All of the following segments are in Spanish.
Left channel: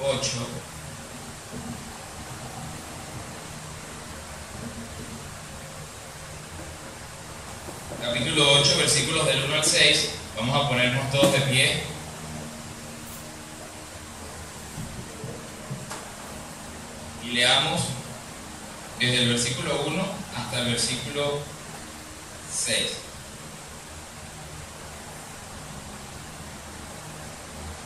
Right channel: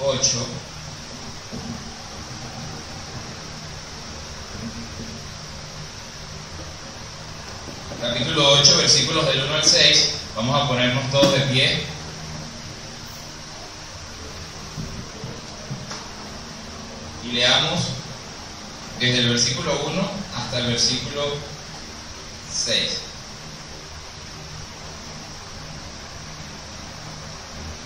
8, capítulo 8, versículos del 1 al 6. Vamos a ponernos todos de pie. Y leamos desde el versículo 1 hasta el versículo 6.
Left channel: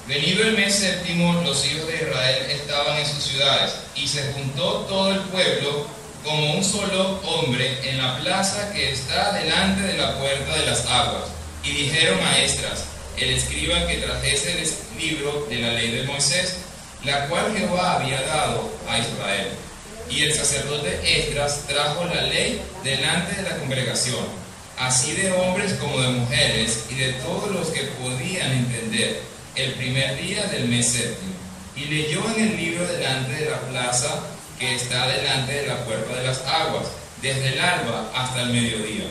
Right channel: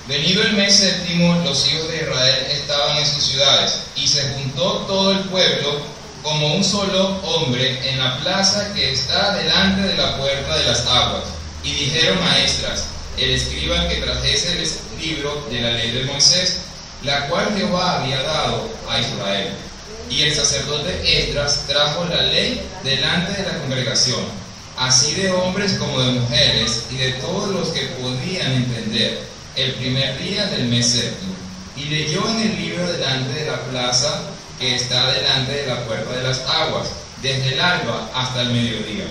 Venido el mes séptimo, los hijos de Israel estaban en sus ciudades, y se juntó todo el pueblo como un solo hombre en la plaza que está delante de la puerta de las aguas. Y dijeron a Esdras, el escriba, que trajese el libro de la ley de Moisés, la cual Jehová había dado a Israel. Y el sacerdote Esdras trajo la ley delante de la congregación, así de hombres como de mujeres, y de todos los que podían entender, el primer día del mes séptimo. Y leyó en el libro delante de la plaza que está delante de la puerta de las aguas, desde el alba hasta el mediodía,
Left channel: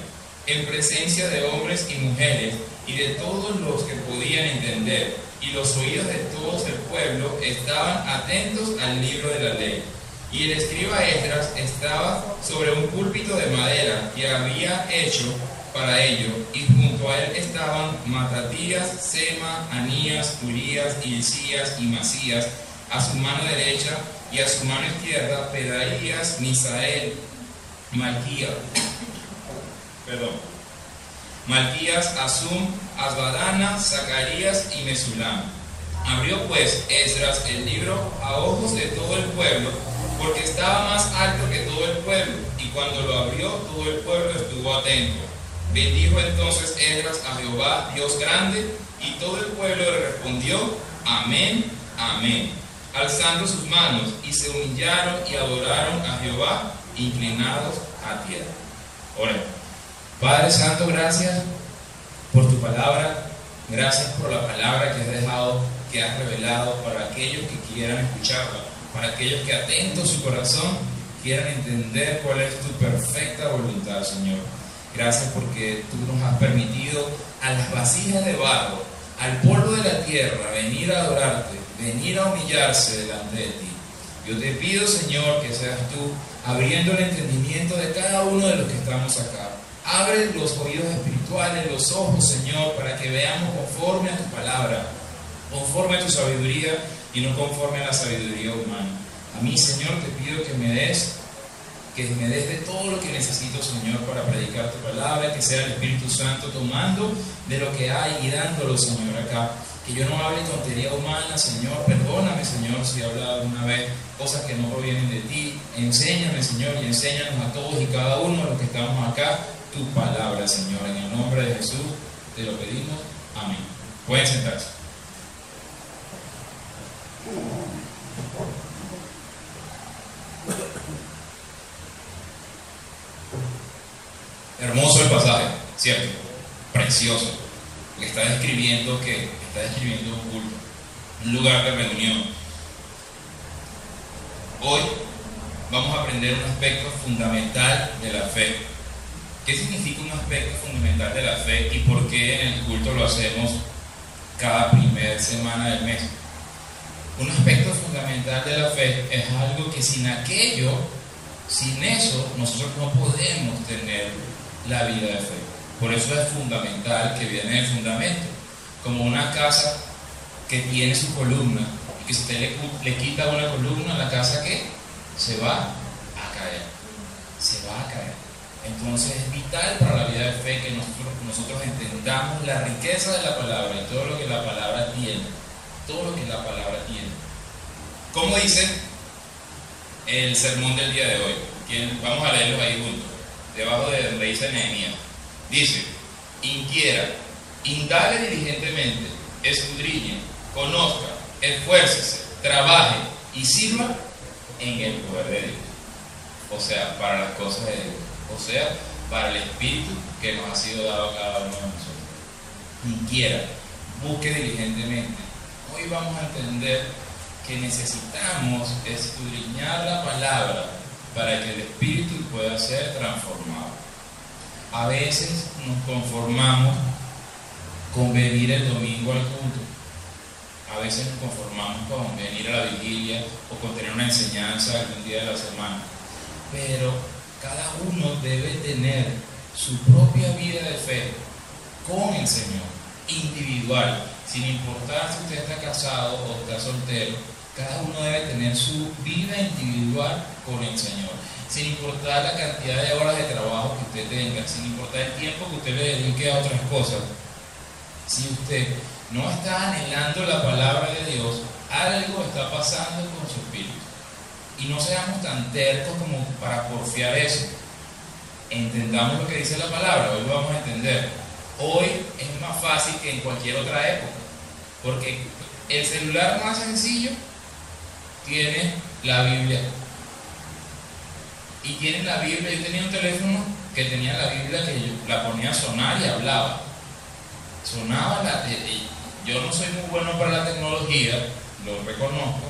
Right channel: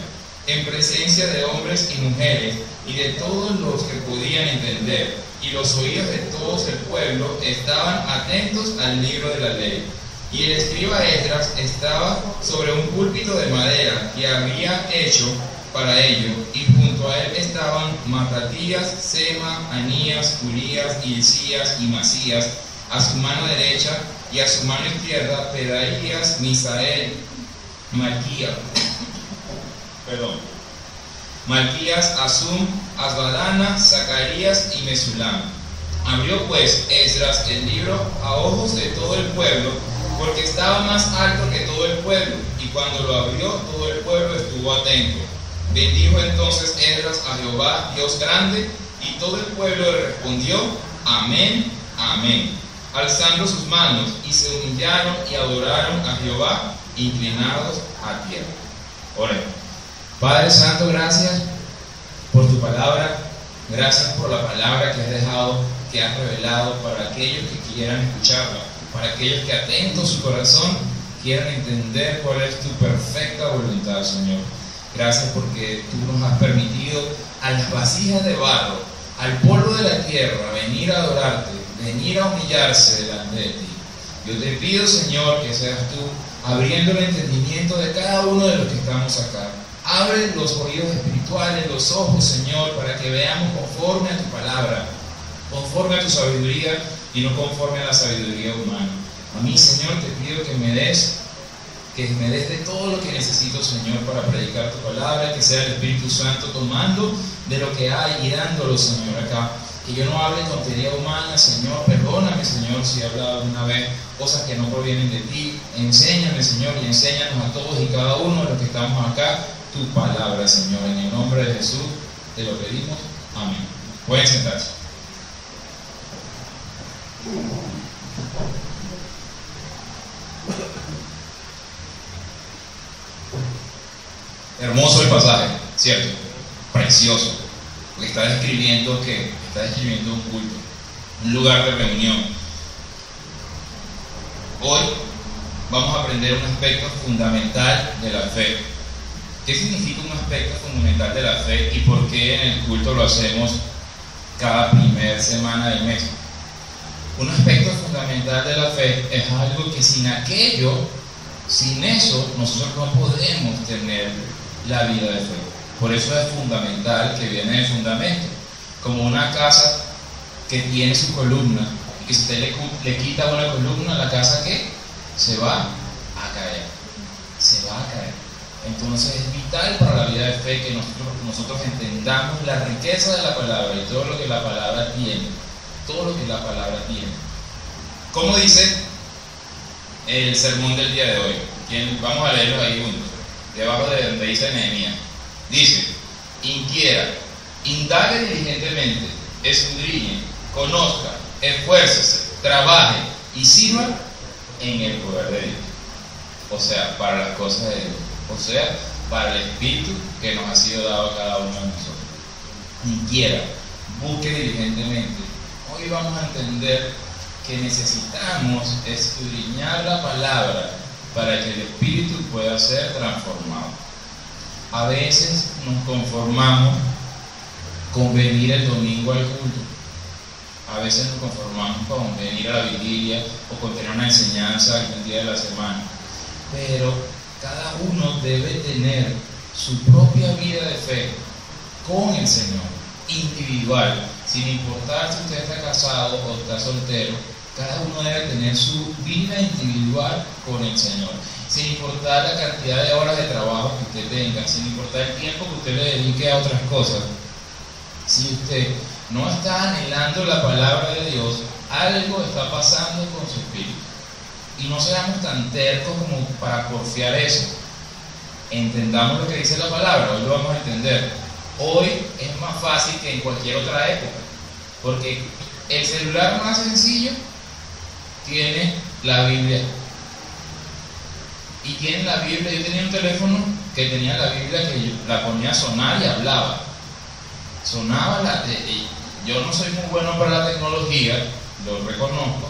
en presencia de hombres y mujeres, y de todos los que podían entender, y los oídos de todo el pueblo estaban atentos al libro de la ley. Y el escriba Esdras estaba sobre un púlpito de madera que había hecho para ello, y junto a él estaban Matatías, Sema, Anías, Urías, Hilcías y Masías a su mano derecha, y a su mano izquierda Pedaías, Misael, Malquías, Asum, Asbadana, Zacarías y Mesulam. Abrió pues Esdras el libro a ojos de todo el pueblo, porque estaba más alto que todo el pueblo, y cuando lo abrió todo el pueblo estuvo atento. Bendijo entonces Esdras a Jehová, Dios grande, y todo el pueblo le respondió, amén, amén, alzando sus manos, y se humillaron y adoraron a Jehová, inclinados a tierra. Oremos. Padre Santo, gracias por tu palabra, gracias por la palabra que has dejado, que has revelado para aquellos que quieran escucharla, para aquellos que atentos su corazón quieran entender cuál es tu perfecta voluntad, Señor. Gracias porque tú nos has permitido a las vasijas de barro, al polvo de la tierra, venir a adorarte, venir a humillarse delante de ti. Yo te pido, Señor, que seas tú abriendo el entendimiento de cada uno de los que estamos acá. Abre los oídos espirituales, los ojos, Señor, para que veamos conforme a tu palabra, conforme a tu sabiduría y no conforme a la sabiduría humana. A mí, Señor, te pido que me des de todo lo que necesito, Señor, para predicar tu palabra, que sea el Espíritu Santo tomando de lo que hay y dándolo, Señor, acá. Que yo no hable tontería humana, Señor. Perdóname, Señor, si he hablado alguna vez cosas que no provienen de ti. Enséñame, Señor, y enséñanos a todos y cada uno de los que estamos acá tu palabra, Señor. En el nombre de Jesús te lo pedimos. Amén. Pueden sentarse. Hermoso el pasaje, ¿cierto? Precioso. Porque está describiendo un culto, un lugar de reunión. Hoy vamos a aprender un aspecto fundamental de la fe. ¿Qué significa un aspecto fundamental de la fe y por qué en el culto lo hacemos cada primera semana del mes? Un aspecto fundamental de la fe es algo que sin eso, nosotros no podemos tener la vida de fe. Por eso es fundamental que viene de fundamento. Como una casa que tiene su columna, y que si usted le quita una columna, la casa ¿qué? Se va a caer. Se va a caer. Entonces es vital para la vida de fe que nosotros entendamos la riqueza de la palabra y todo lo que la palabra tiene. Todo lo que la palabra tiene. ¿Cómo dice el sermón del día de hoy? Vamos a leerlo ahí juntos. Debajo de donde dice Nehemías. Dice, inquiera, indague diligentemente, escudriñe, conozca, esfuércese, trabaje y sirva en el poder de Dios. O sea, para las cosas de Dios. O sea, para el Espíritu que nos ha sido dado a cada uno de nosotros. Inquiera, busque diligentemente. Hoy vamos a entender que necesitamos escudriñar la palabra para que el Espíritu pueda ser transformado. A veces nos conformamos con venir el domingo al culto. A veces nos conformamos con venir a la vigilia o con tener una enseñanza algún día de la semana. Pero cada uno debe tener su propia vida de fe con el Señor, individual, sin importar si usted está casado o está soltero. Cada uno debe tener su vida individual con el Señor, sin importar la cantidad de horas de trabajo que usted tenga, sin importar el tiempo que usted le dedique a otras cosas. Si usted no está anhelando la palabra de Dios, algo está pasando con su espíritu. Y no seamos tan tercos como para porfiar eso. Entendamos lo que dice la palabra, hoy lo vamos a entender. Hoy es más fácil que en cualquier otra época, porque el celular más sencillo tiene la Biblia. Y tienen la Biblia. Yo tenía un teléfono que tenía la Biblia, que yo la ponía a sonar y hablaba. Sonaba yo no soy muy bueno para la tecnología, lo reconozco,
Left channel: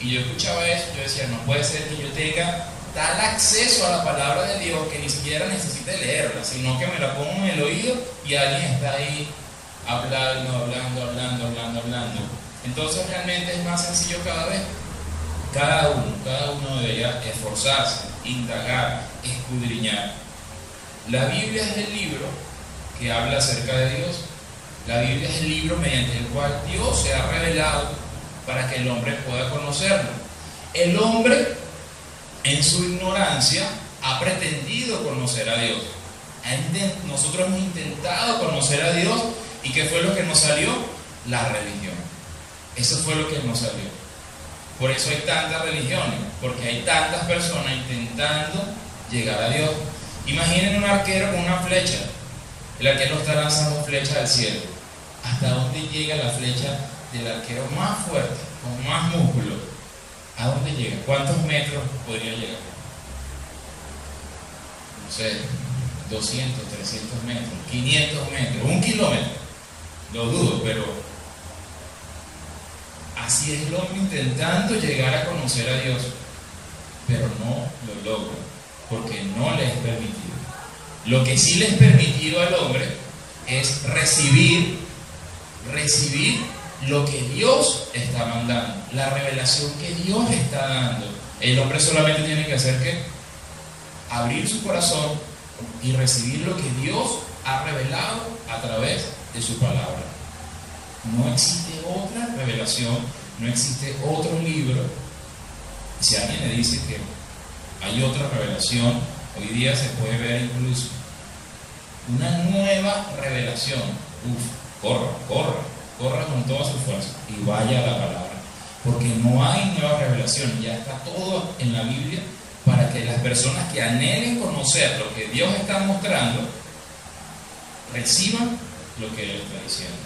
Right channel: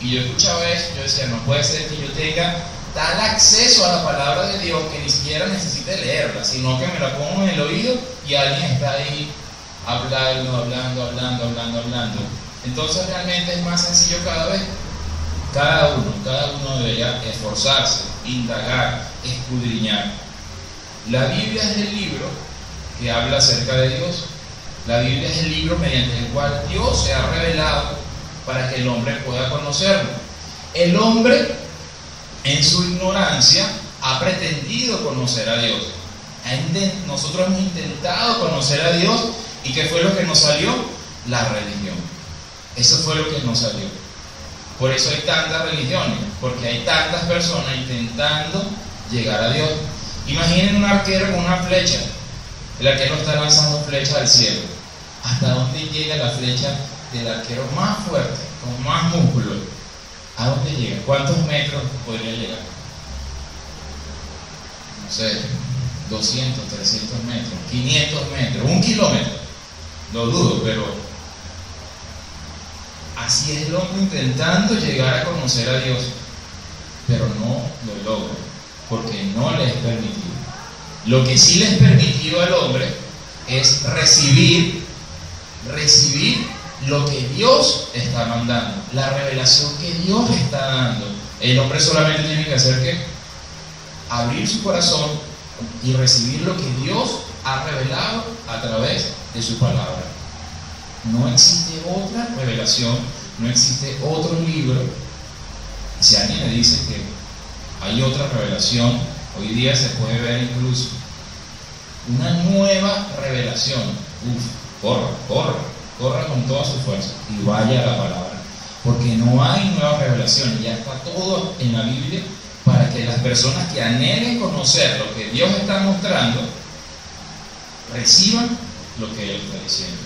y yo escuchaba eso, yo decía, no puede ser que yo tenga tal acceso a la palabra de Dios que ni siquiera necesite leerla, sino que me la pongo en el oído y alguien está ahí hablando. Entonces realmente es más sencillo cada vez. Cada uno debería esforzarse, indagar, escudriñar. La Biblia es el libro que habla acerca de Dios. La Biblia es el libro mediante el cual Dios se ha revelado para que el hombre pueda conocerlo. El hombre, en su ignorancia, ha pretendido conocer a Dios. Nosotros hemos intentado conocer a Dios, ¿y qué fue lo que nos salió? La religión. Eso fue lo que nos salió. Por eso hay tantas religiones, porque hay tantas personas intentando llegar a Dios. Imaginen un arquero con una flecha. El arquero está lanzando flechas al cielo. ¿Hasta dónde llega la flecha del arquero más fuerte, con más músculo? ¿A dónde llega? ¿Cuántos metros podría llegar? No sé, 200, 300 metros, 500 metros, 1 kilómetro. Lo dudo, pero así es el hombre intentando llegar a conocer a Dios, pero no lo logra, porque no le es permitido. Lo que sí le es permitido al hombre es recibir lo que Dios está mandando, la revelación que Dios está dando. El hombre solamente tiene que hacer ¿qué? Abrir su corazón y recibir lo que Dios ha revelado a través de su palabra. No existe otra revelación, no existe otro libro. Si alguien me dice que hay otra revelación, hoy día se puede ver incluso una nueva revelación. Corra con toda su fuerza y vaya a la palabra, porque no hay nueva revelación, ya está todo en la Biblia para que las personas que anhelen conocer lo que Dios está mostrando reciban lo que Él está diciendo.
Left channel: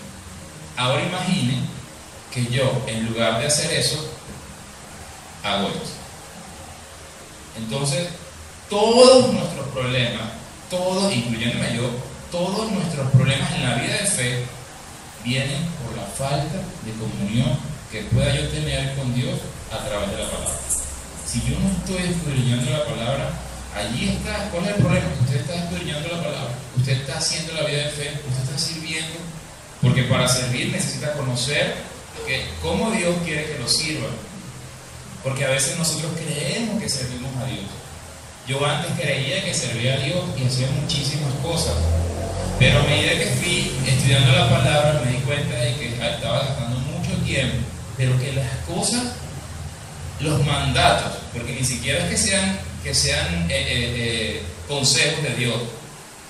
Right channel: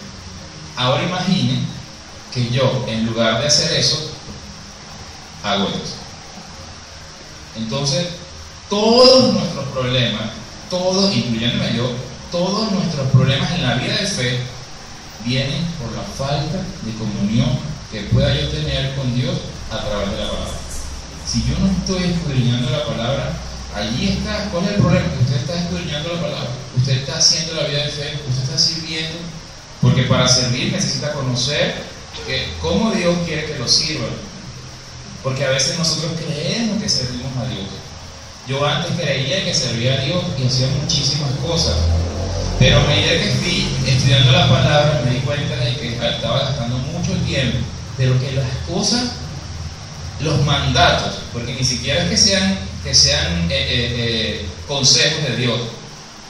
Ahora imaginen que yo, en lugar de hacer eso, hago esto. Entonces, todos nuestros problemas, todos, incluyéndome yo, todos nuestros problemas en la vida de fe vienen por la falta de comunión que pueda yo tener con Dios a través de la palabra. Si yo no estoy escudriñando la palabra, allí está. ¿Cuál es el problema? Usted está escudriñando la palabra, usted está haciendo la vida de fe, usted está sirviendo, porque para servir necesita conocer cómo Dios quiere que lo sirvan. Porque a veces nosotros creemos que servimos a Dios. Yo antes creía que servía a Dios y hacía muchísimas cosas, pero a medida que fui estudiando la palabra me di cuenta de que estaba gastando mucho tiempo, pero que las cosas, los mandatos, porque ni siquiera es que sean consejos de Dios,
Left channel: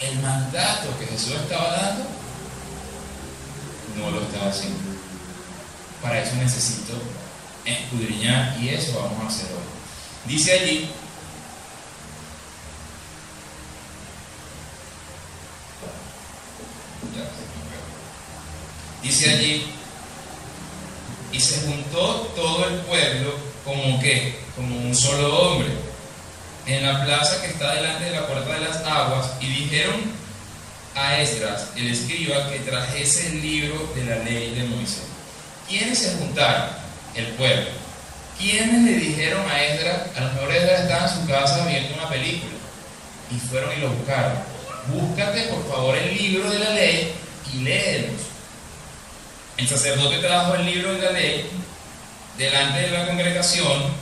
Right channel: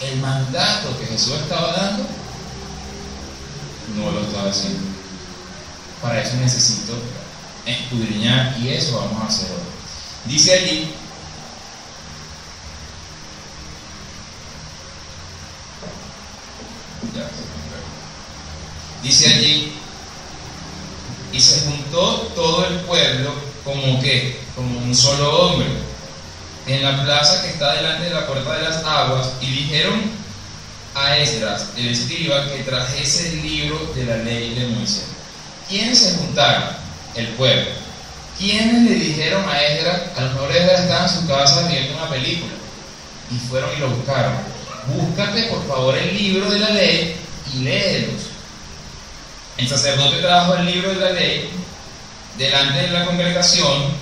el mandato que Jesús estaba dando no lo estaba haciendo. Para eso necesito escudriñar, y eso vamos a hacer hoy. Dice allí, y se juntó todo el pueblo como un solo hombre en la plaza que está delante de la puerta de las aguas, y dijeron a Esdras, el escriba, que trajese el libro de la ley de Moisés. ¿Quiénes se juntaron? El pueblo. ¿Quiénes le dijeron a Esdras? A lo mejor Esdras estaba en su casa viendo una película y fueron y lo buscaron. Búscate por favor el libro de la ley y léelos. El sacerdote trajo el libro de la ley delante de la congregación,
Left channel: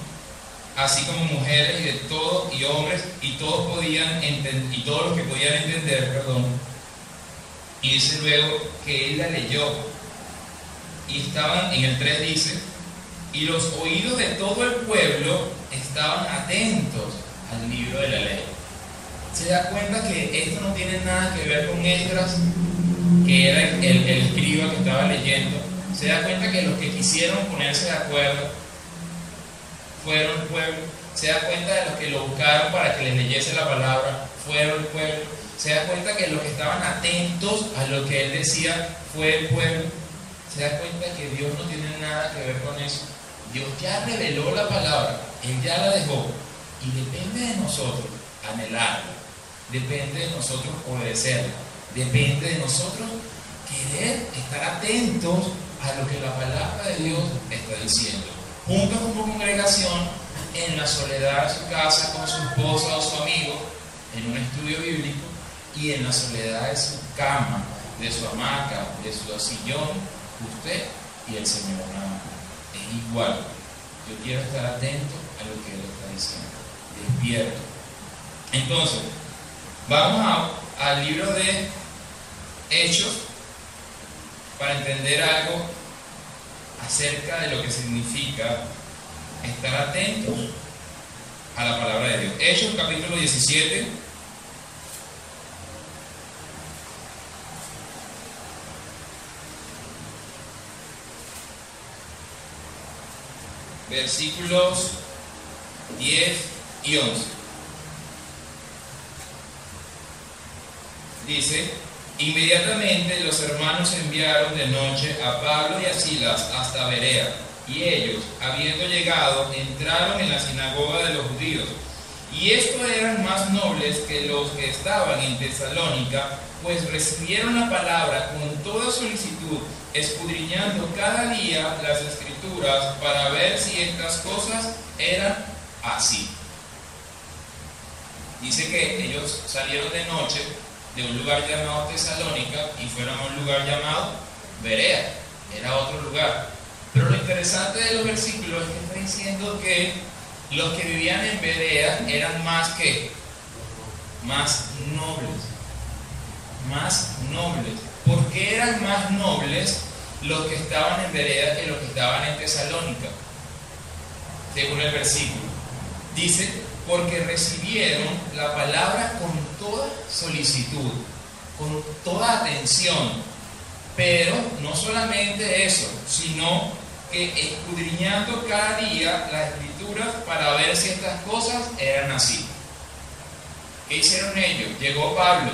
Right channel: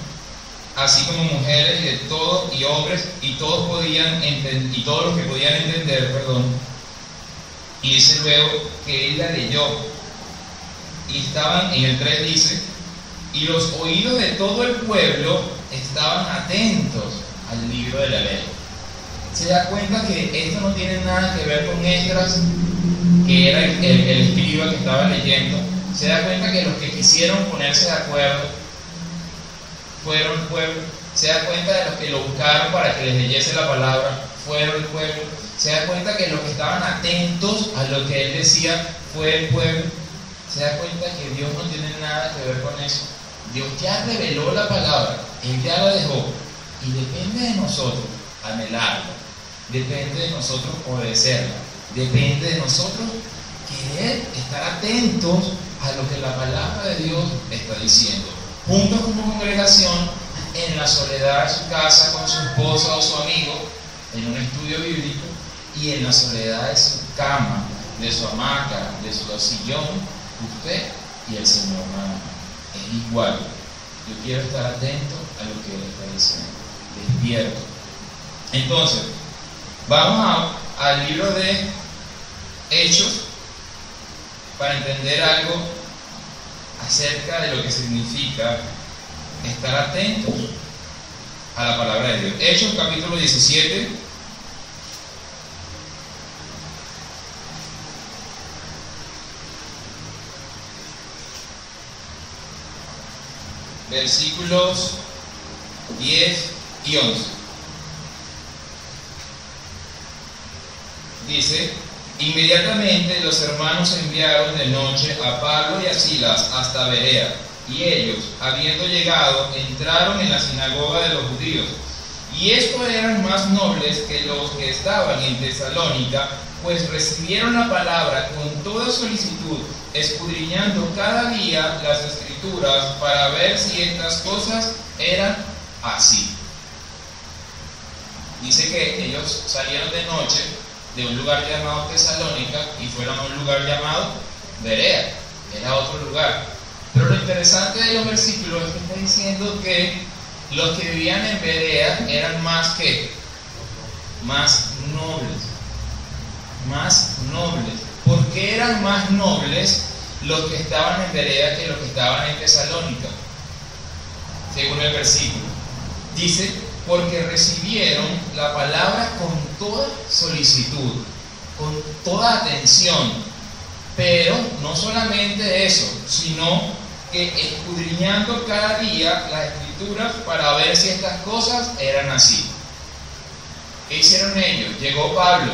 así como mujeres de todo y hombres, y todos los que podían entender, y dice luego que él la leyó, y estaban, en el 3 dice, y los oídos de todo el pueblo estaban atentos al libro de la ley. Se da cuenta que esto no tiene nada que ver con Esdras, que era el escriba que estaba leyendo. Se da cuenta que los que quisieron ponerse de acuerdo fueron el pueblo. Se da cuenta de los que lo buscaron para que les leyese la palabra fueron el pueblo. Se da cuenta que los que estaban atentos a lo que él decía fue el pueblo. Se da cuenta que Dios no tiene nada que ver con eso. Dios ya reveló la palabra, Él ya la dejó, y depende de nosotros anhelarla, depende de nosotros obedecerla, depende de nosotros querer estar atentos a lo que la palabra de Dios está diciendo. Juntos como congregación, en la soledad de su casa con su esposa o su amigo, en un estudio bíblico, y en la soledad de su cama, de su hamaca, de su sillón, usted y el Señor nada más. Es igual. Yo quiero estar atento a lo que Él está diciendo, despierto. Entonces, vamos al libro de Hechos para entender algo acerca de lo que significa estar atentos a la palabra de Dios. Hechos capítulo 17. Versículos 10 y 11. Dice: inmediatamente los hermanos enviaron de noche a Pablo y a Silas hasta Berea, y ellos, habiendo llegado, entraron en la sinagoga de los judíos. Y estos eran más nobles que los que estaban en Tesalónica, pues recibieron la palabra con toda solicitud, escudriñando cada día las Escrituras para ver si estas cosas eran así. Dice que ellos salieron de noche de un lugar llamado Tesalónica y fueron a un lugar llamado Berea, era otro lugar. Pero lo interesante de los versículos es que está diciendo que los que vivían en Berea eran más nobles. Más nobles. ¿Por qué eran más nobles los que estaban en Berea que los que estaban en Tesalónica? Según el versículo. Dice: porque recibieron la palabra con toda solicitud, con toda atención. Pero no solamente eso, sino que escudriñando cada día las Escrituras para ver si estas cosas eran así. ¿Qué hicieron ellos? Llegó Pablo.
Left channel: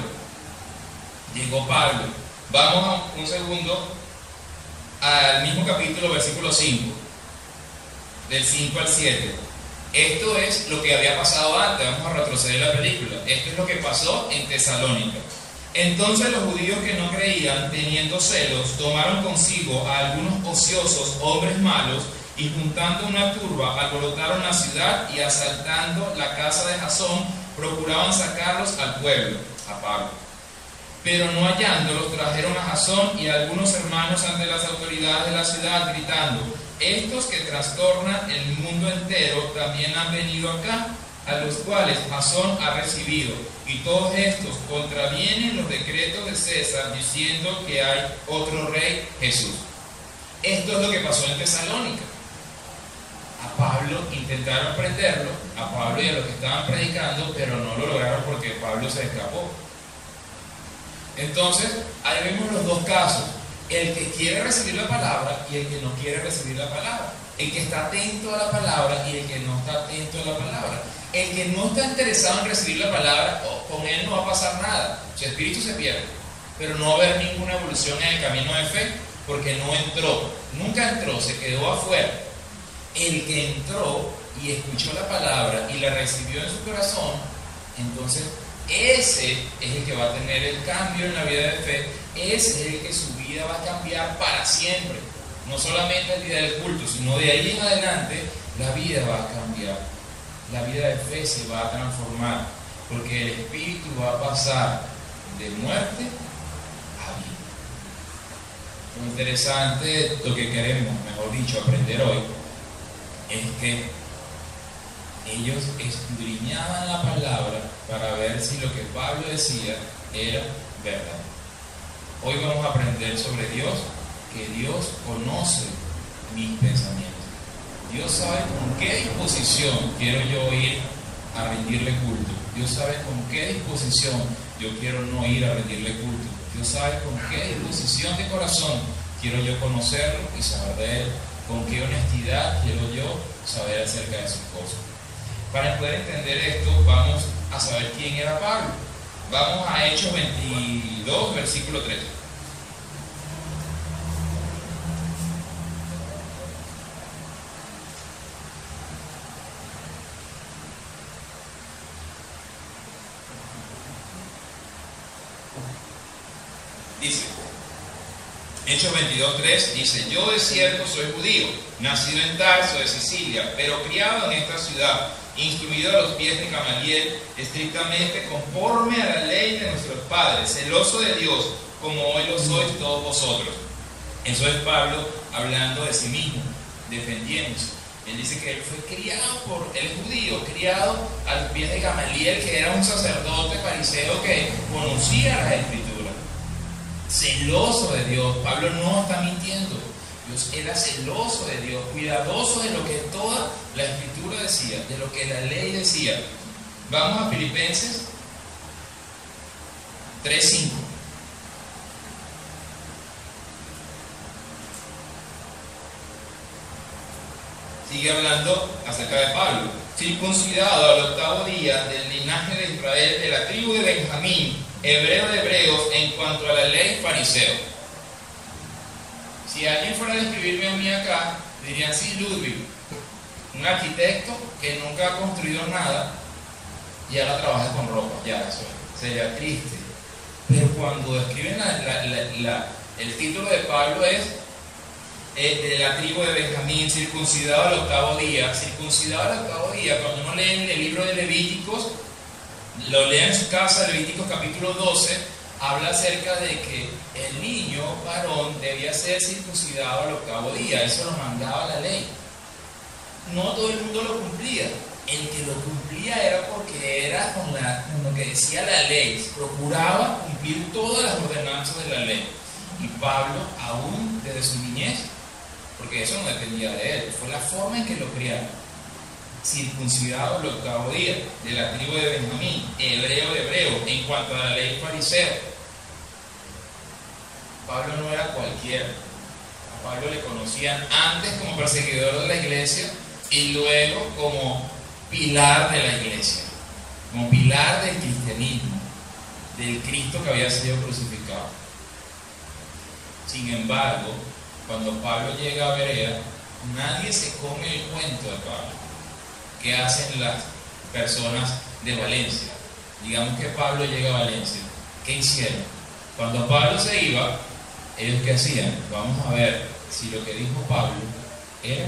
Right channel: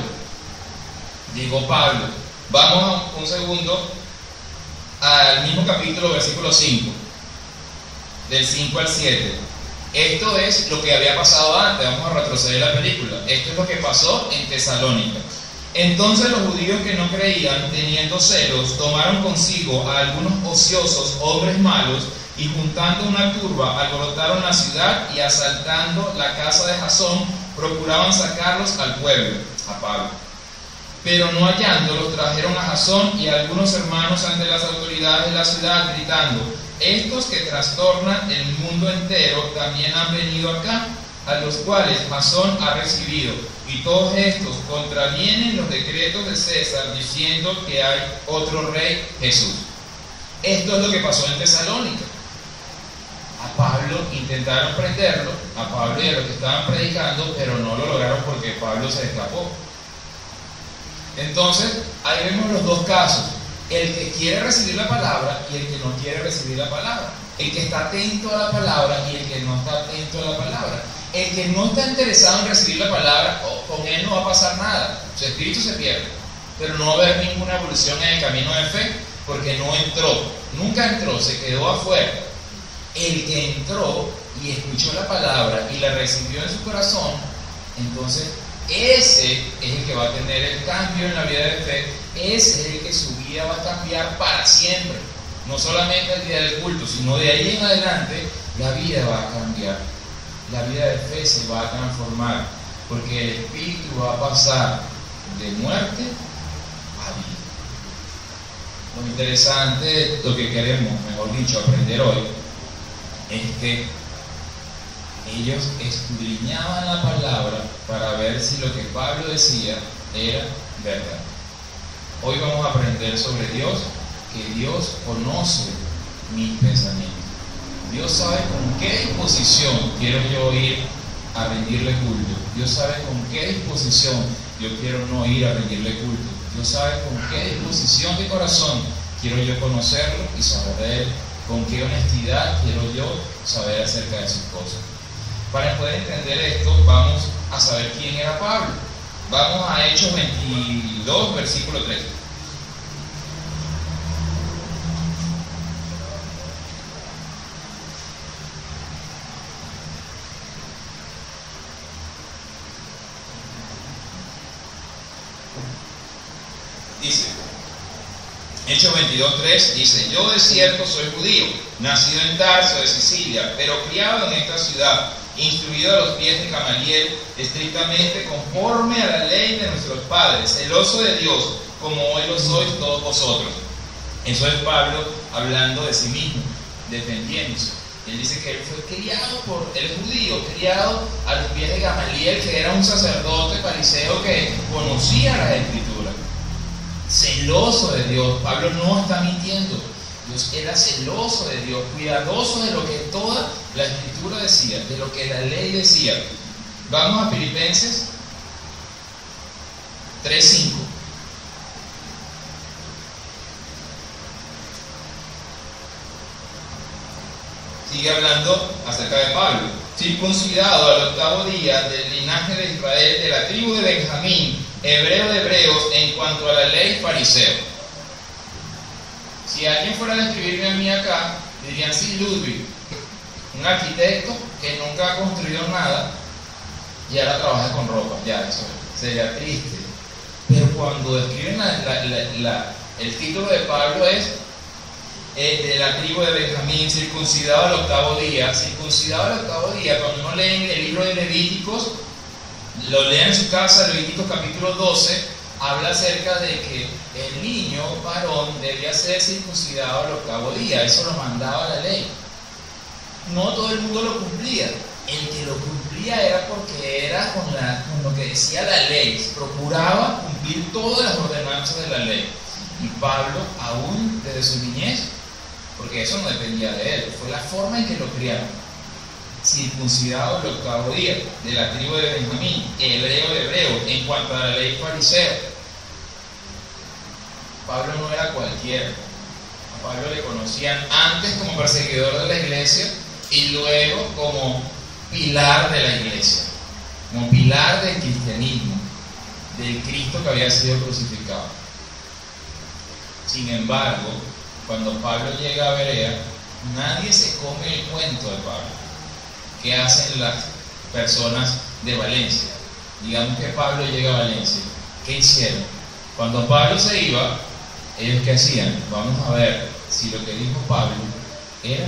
Vamos un segundo al mismo capítulo, versículo 5, del 5 al 7. Esto es lo que había pasado antes. Vamos a retroceder la película. Esto es lo que pasó en Tesalónica. Entonces los judíos que no creían, teniendo celos, tomaron consigo a algunos ociosos hombres malos, y juntando una turba, alborotaron la ciudad, y asaltando la casa de Jasón, procuraban sacarlos al pueblo, a Pablo. Pero no hallándolos, trajeron a Jasón y a algunos hermanos ante las autoridades de la ciudad, gritando: estos que trastornan el mundo entero también han venido acá, a los cuales Jasón ha recibido, y todos estos contravienen los decretos de César, diciendo que hay otro rey, Jesús. Esto es lo que pasó en Tesalónica. A Pablo intentaron prenderlo, a Pablo y a los que estaban predicando, pero no lo lograron porque Pablo se escapó. Entonces, ahí vemos los dos casos: el que quiere recibir la palabra y el que no quiere recibir la palabra, el que está atento a la palabra y el que no está atento a la palabra. El que no está interesado en recibir la palabra, con él no va a pasar nada, su espíritu se pierde, pero no va a haber ninguna evolución en el camino de fe, porque no entró, nunca entró, se quedó afuera. El que entró y escuchó la palabra y la recibió en su corazón, entonces ese es el que va a tener el cambio en la vida de fe, ese es el que su vida va a cambiar para siempre, no solamente el día del culto, sino de ahí en adelante la vida va a cambiar, la vida de fe se va a transformar, porque el espíritu va a pasar de muerte a vida. Lo interesante, lo que queremos, mejor dicho, aprender hoy, es que ellos escudriñaban la palabra para ver si lo que Pablo decía era verdad. Hoy vamos a aprender sobre Dios, que Dios conoce mis pensamientos. Dios sabe con qué disposición quiero yo ir a rendirle culto. Dios sabe con qué disposición yo quiero no ir a rendirle culto. Dios sabe con qué disposición de corazón quiero yo conocerlo y saber de Él. Con qué honestidad quiero yo saber acerca de sus cosas. Para poder entender esto, vamos a saber quién era Pablo. Vamos a Hechos 22, versículo 3. Dice, Hechos 22:3 dice: yo de cierto soy judío, nacido en Tarso de Sicilia, pero criado en esta ciudad, instruido a los pies de Gamaliel, estrictamente conforme a la ley de nuestros padres, celoso de Dios, como hoy lo sois todos vosotros. Eso es Pablo hablando de sí mismo, defendiéndose. Él dice que él fue criado por el judío, criado a los pies de Gamaliel, que era un sacerdote fariseo que conocía las escrituras. Celoso de Dios. Pablo no está mintiendo. Dios era celoso de Dios, cuidadoso de lo que toda la escritura decía, de lo que la ley decía. Vamos a Filipenses 3:5. Sigue hablando acerca de Pablo. Circuncidado al 8º día, del linaje de Israel, de la tribu de Benjamín, hebreo de hebreos, en cuanto a la ley, fariseo. Si alguien fuera a describirme a mí acá, dirían: sí, Ludwig, un arquitecto que nunca ha construido nada y ahora trabaja con ropa. Ya, eso sería triste. Pero cuando describen el título de Pablo es de la tribu de Benjamín, circuncidado al 8º día. Circuncidado al 8º día, cuando uno lee el libro de Levíticos, lo lee en su casa, Levíticos capítulo 12, habla acerca de que el niño varón debía ser circuncidado al 8º día. Eso lo mandaba la ley. No todo el mundo lo cumplía. El que lo cumplía era porque era con lo que decía la ley, procuraba cumplir todas las ordenanzas de la ley. Y Pablo, aún desde su niñez, porque eso no dependía de él, fue la forma en que lo criaron. Circuncidado el 8º día, de la tribu de Benjamín, hebreo de hebreo, en cuanto a la ley, fariseo. Pablo no era cualquiera. A Pablo le conocían antes como perseguidor de la iglesia y luego como pilar de la iglesia, como pilar del cristianismo, del Cristo que había sido crucificado. Sin embargo, cuando Pablo llega a Berea, nadie se come el cuento de Pablo. ¿Qué hacen las personas de Valencia? Digamos que Pablo llega a Valencia. ¿Qué hicieron? Cuando Pablo se iba, ¿ellos qué hacían? Vamos a ver si lo que dijo Pablo era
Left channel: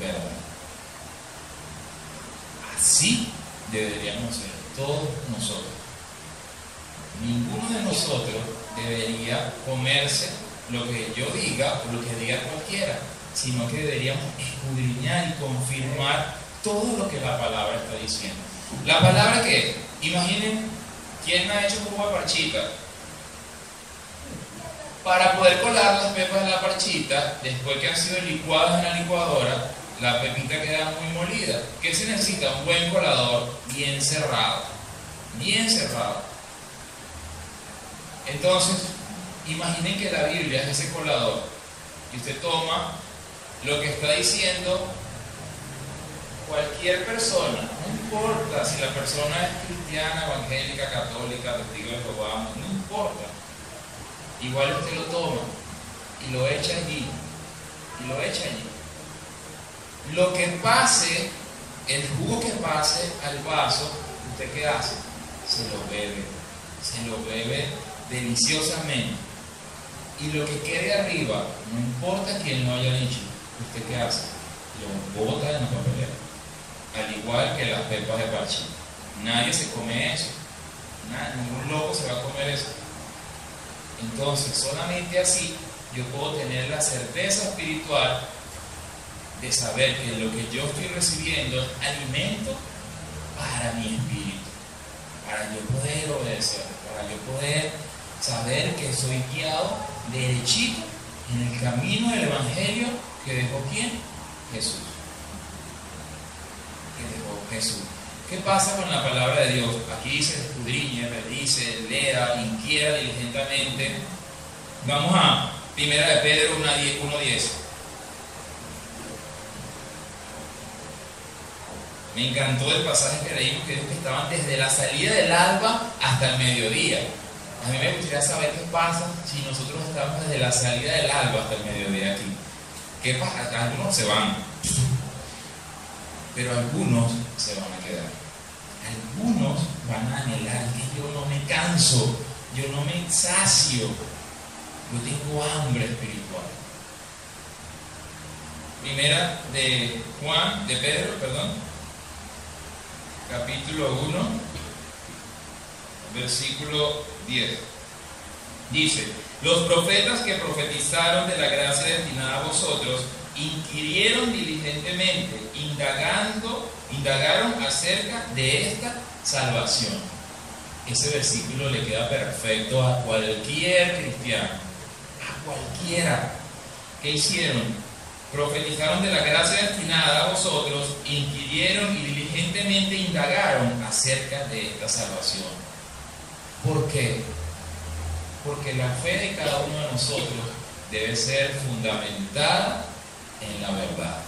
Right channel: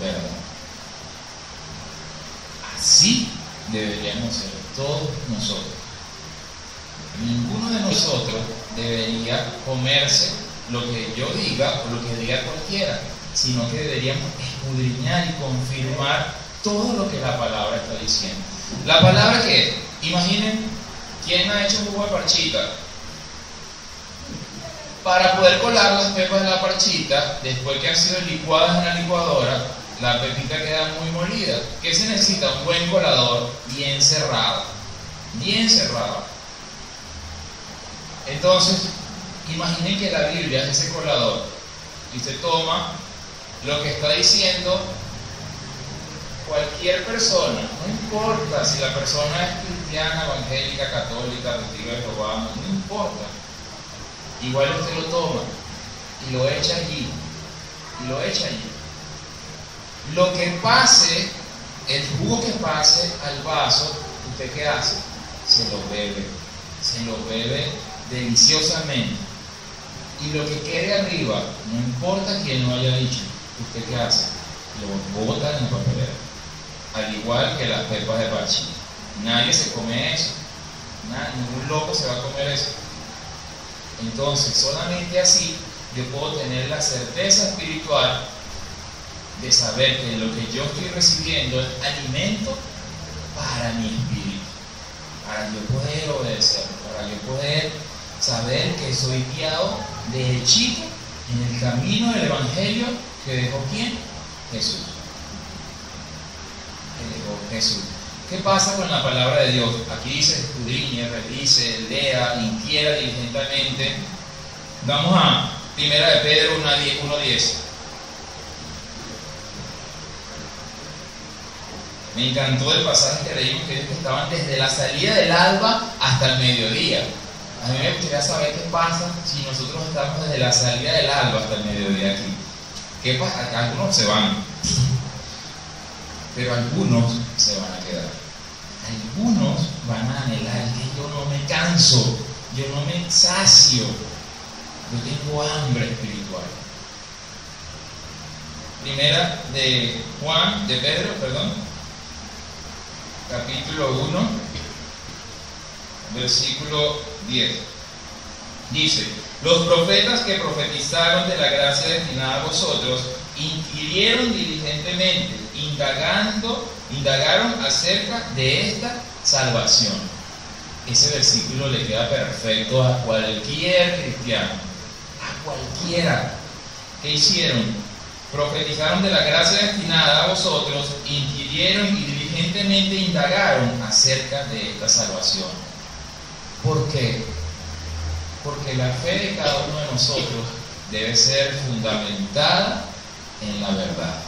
verdad. Así deberíamos ser todos nosotros. Ninguno de nosotros debería comerse lo que yo diga o lo que diga cualquiera, sino que deberíamos escudriñar y confirmar todo lo que la palabra está diciendo. ¿La palabra qué es? Imaginen, ¿quién ha hecho jugo de parchita? Para poder colar las pepas de la parchita, después que han sido licuadas en la licuadora, la pepita queda muy molida. ¿Qué se necesita? Un buen colador bien cerrado. Bien cerrado. Entonces, imaginen que la Biblia es ese colador y usted toma lo que está diciendo cualquier persona, no importa si la persona es cristiana, evangélica, católica, testigo de Jehová, no importa. Igual usted lo toma y lo echa allí, y lo echa allí. Lo que pase, el jugo que pase al vaso, ¿usted qué hace? Se lo bebe deliciosamente. Y lo que quede arriba, no importa quién lo haya dicho, ¿usted qué hace? Lo bota en la papelera. Al igual que las pepas de parchís. Nadie se come eso. Ningún loco se va a comer eso. Entonces, solamente así yo puedo tener la certeza espiritual de saber que lo que yo estoy recibiendo es alimento para mi espíritu, para yo poder obedecer, para yo poder saber que soy guiado derechito en el camino del Evangelio que dejó ¿quién? Jesús. Que dejó Jesús. ¿Qué pasa con la palabra de Dios? Aquí dice escudriñe, revise, lea, inquiera diligentemente. Vamos a 1 de Pedro 1:10. Me encantó el pasaje que leímos, que ellos estaban desde la salida del alba hasta el mediodía. A mí me gustaría saber qué pasa si nosotros estamos desde la salida del alba hasta el mediodía aquí. ¿Qué pasa? Algunos se van, pero algunos se van a quedar. Algunos van a anhelar que yo no me canso, yo no me sacio, yo tengo hambre espiritual. Primera de Pedro, capítulo 1, versículo 10. Dice: los profetas que profetizaron de la gracia destinada a vosotros inquirieron diligentemente, indagaron acerca de esta salvación. Ese versículo le queda perfecto a cualquier cristiano, a cualquiera. ¿Qué hicieron? Profetizaron de la gracia destinada a vosotros, inquirieron y diligentemente indagaron acerca de esta salvación. ¿Por qué? Porque la fe de cada uno de nosotros debe ser fundamentada en la verdad.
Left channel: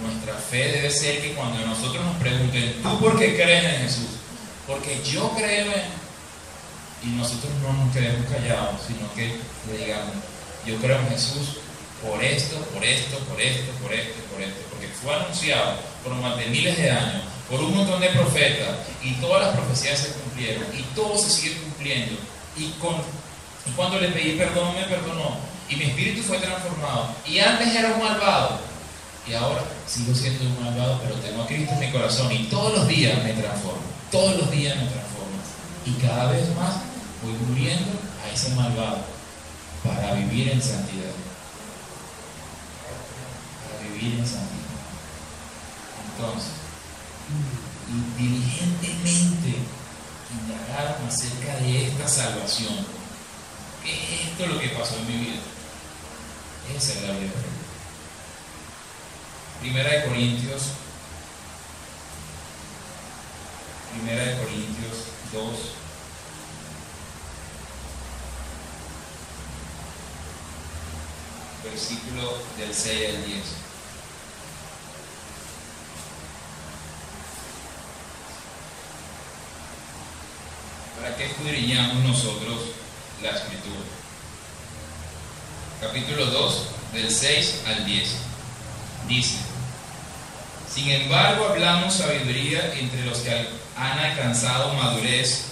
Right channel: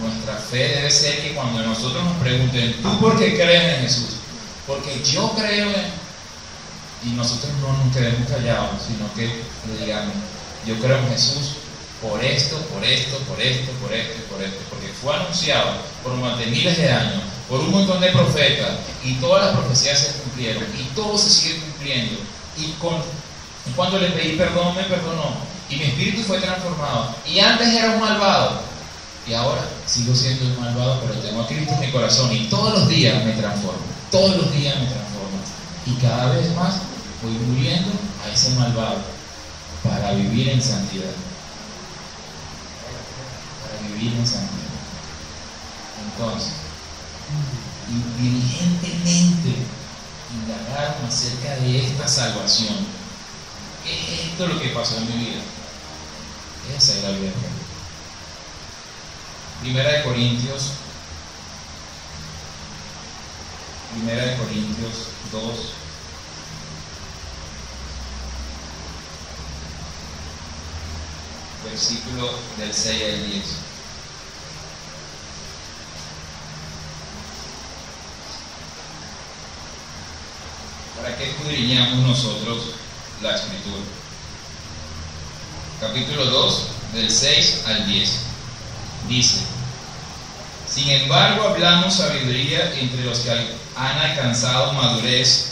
Nuestra fe debe ser que cuando nosotros nos pregunten, ¿tú por qué crees en Jesús? Porque yo creo en... Y nosotros no nos quedemos callados, sino que le digamos, yo creo en Jesús por esto, porque fue anunciado por más de miles de años, por un montón de profetas, y todas las profecías se cumplieron, y todo se sigue cumpliendo. Y cuando le pedí perdón, me perdonó, y mi espíritu fue transformado. Y antes era un malvado, y ahora sigo siendo un malvado, pero tengo a Cristo en mi corazón, y todos los días me transformo, y cada vez más voy muriendo a ese malvado para vivir en santidad. Entonces, y diligentemente indagaron acerca de esta salvación. ¿Qué es esto lo que pasó en mi vida? Esa es la vida. Primera de Corintios 2, versículo del 6 al 10. ¿Para qué escudriñamos nosotros la Escritura? Capítulo 2, del 6 al 10. Dice: sin embargo, hablamos sabiduría entre los que han alcanzado madurez,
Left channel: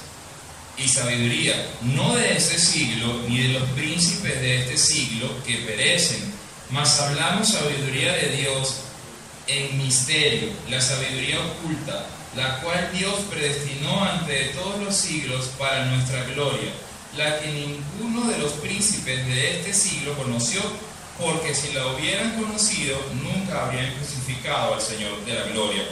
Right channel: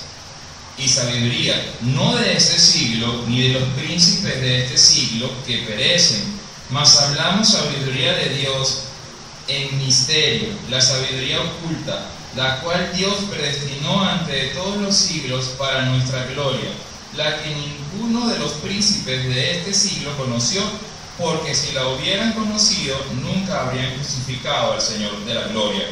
y sabiduría no de este siglo, ni de los príncipes de este siglo que perecen, mas hablamos sabiduría de Dios en misterio, la sabiduría oculta, la cual Dios predestinó antes de todos los siglos para nuestra gloria, la que ninguno de los príncipes de este siglo conoció, porque si la hubieran conocido, nunca habrían crucificado al Señor de la gloria.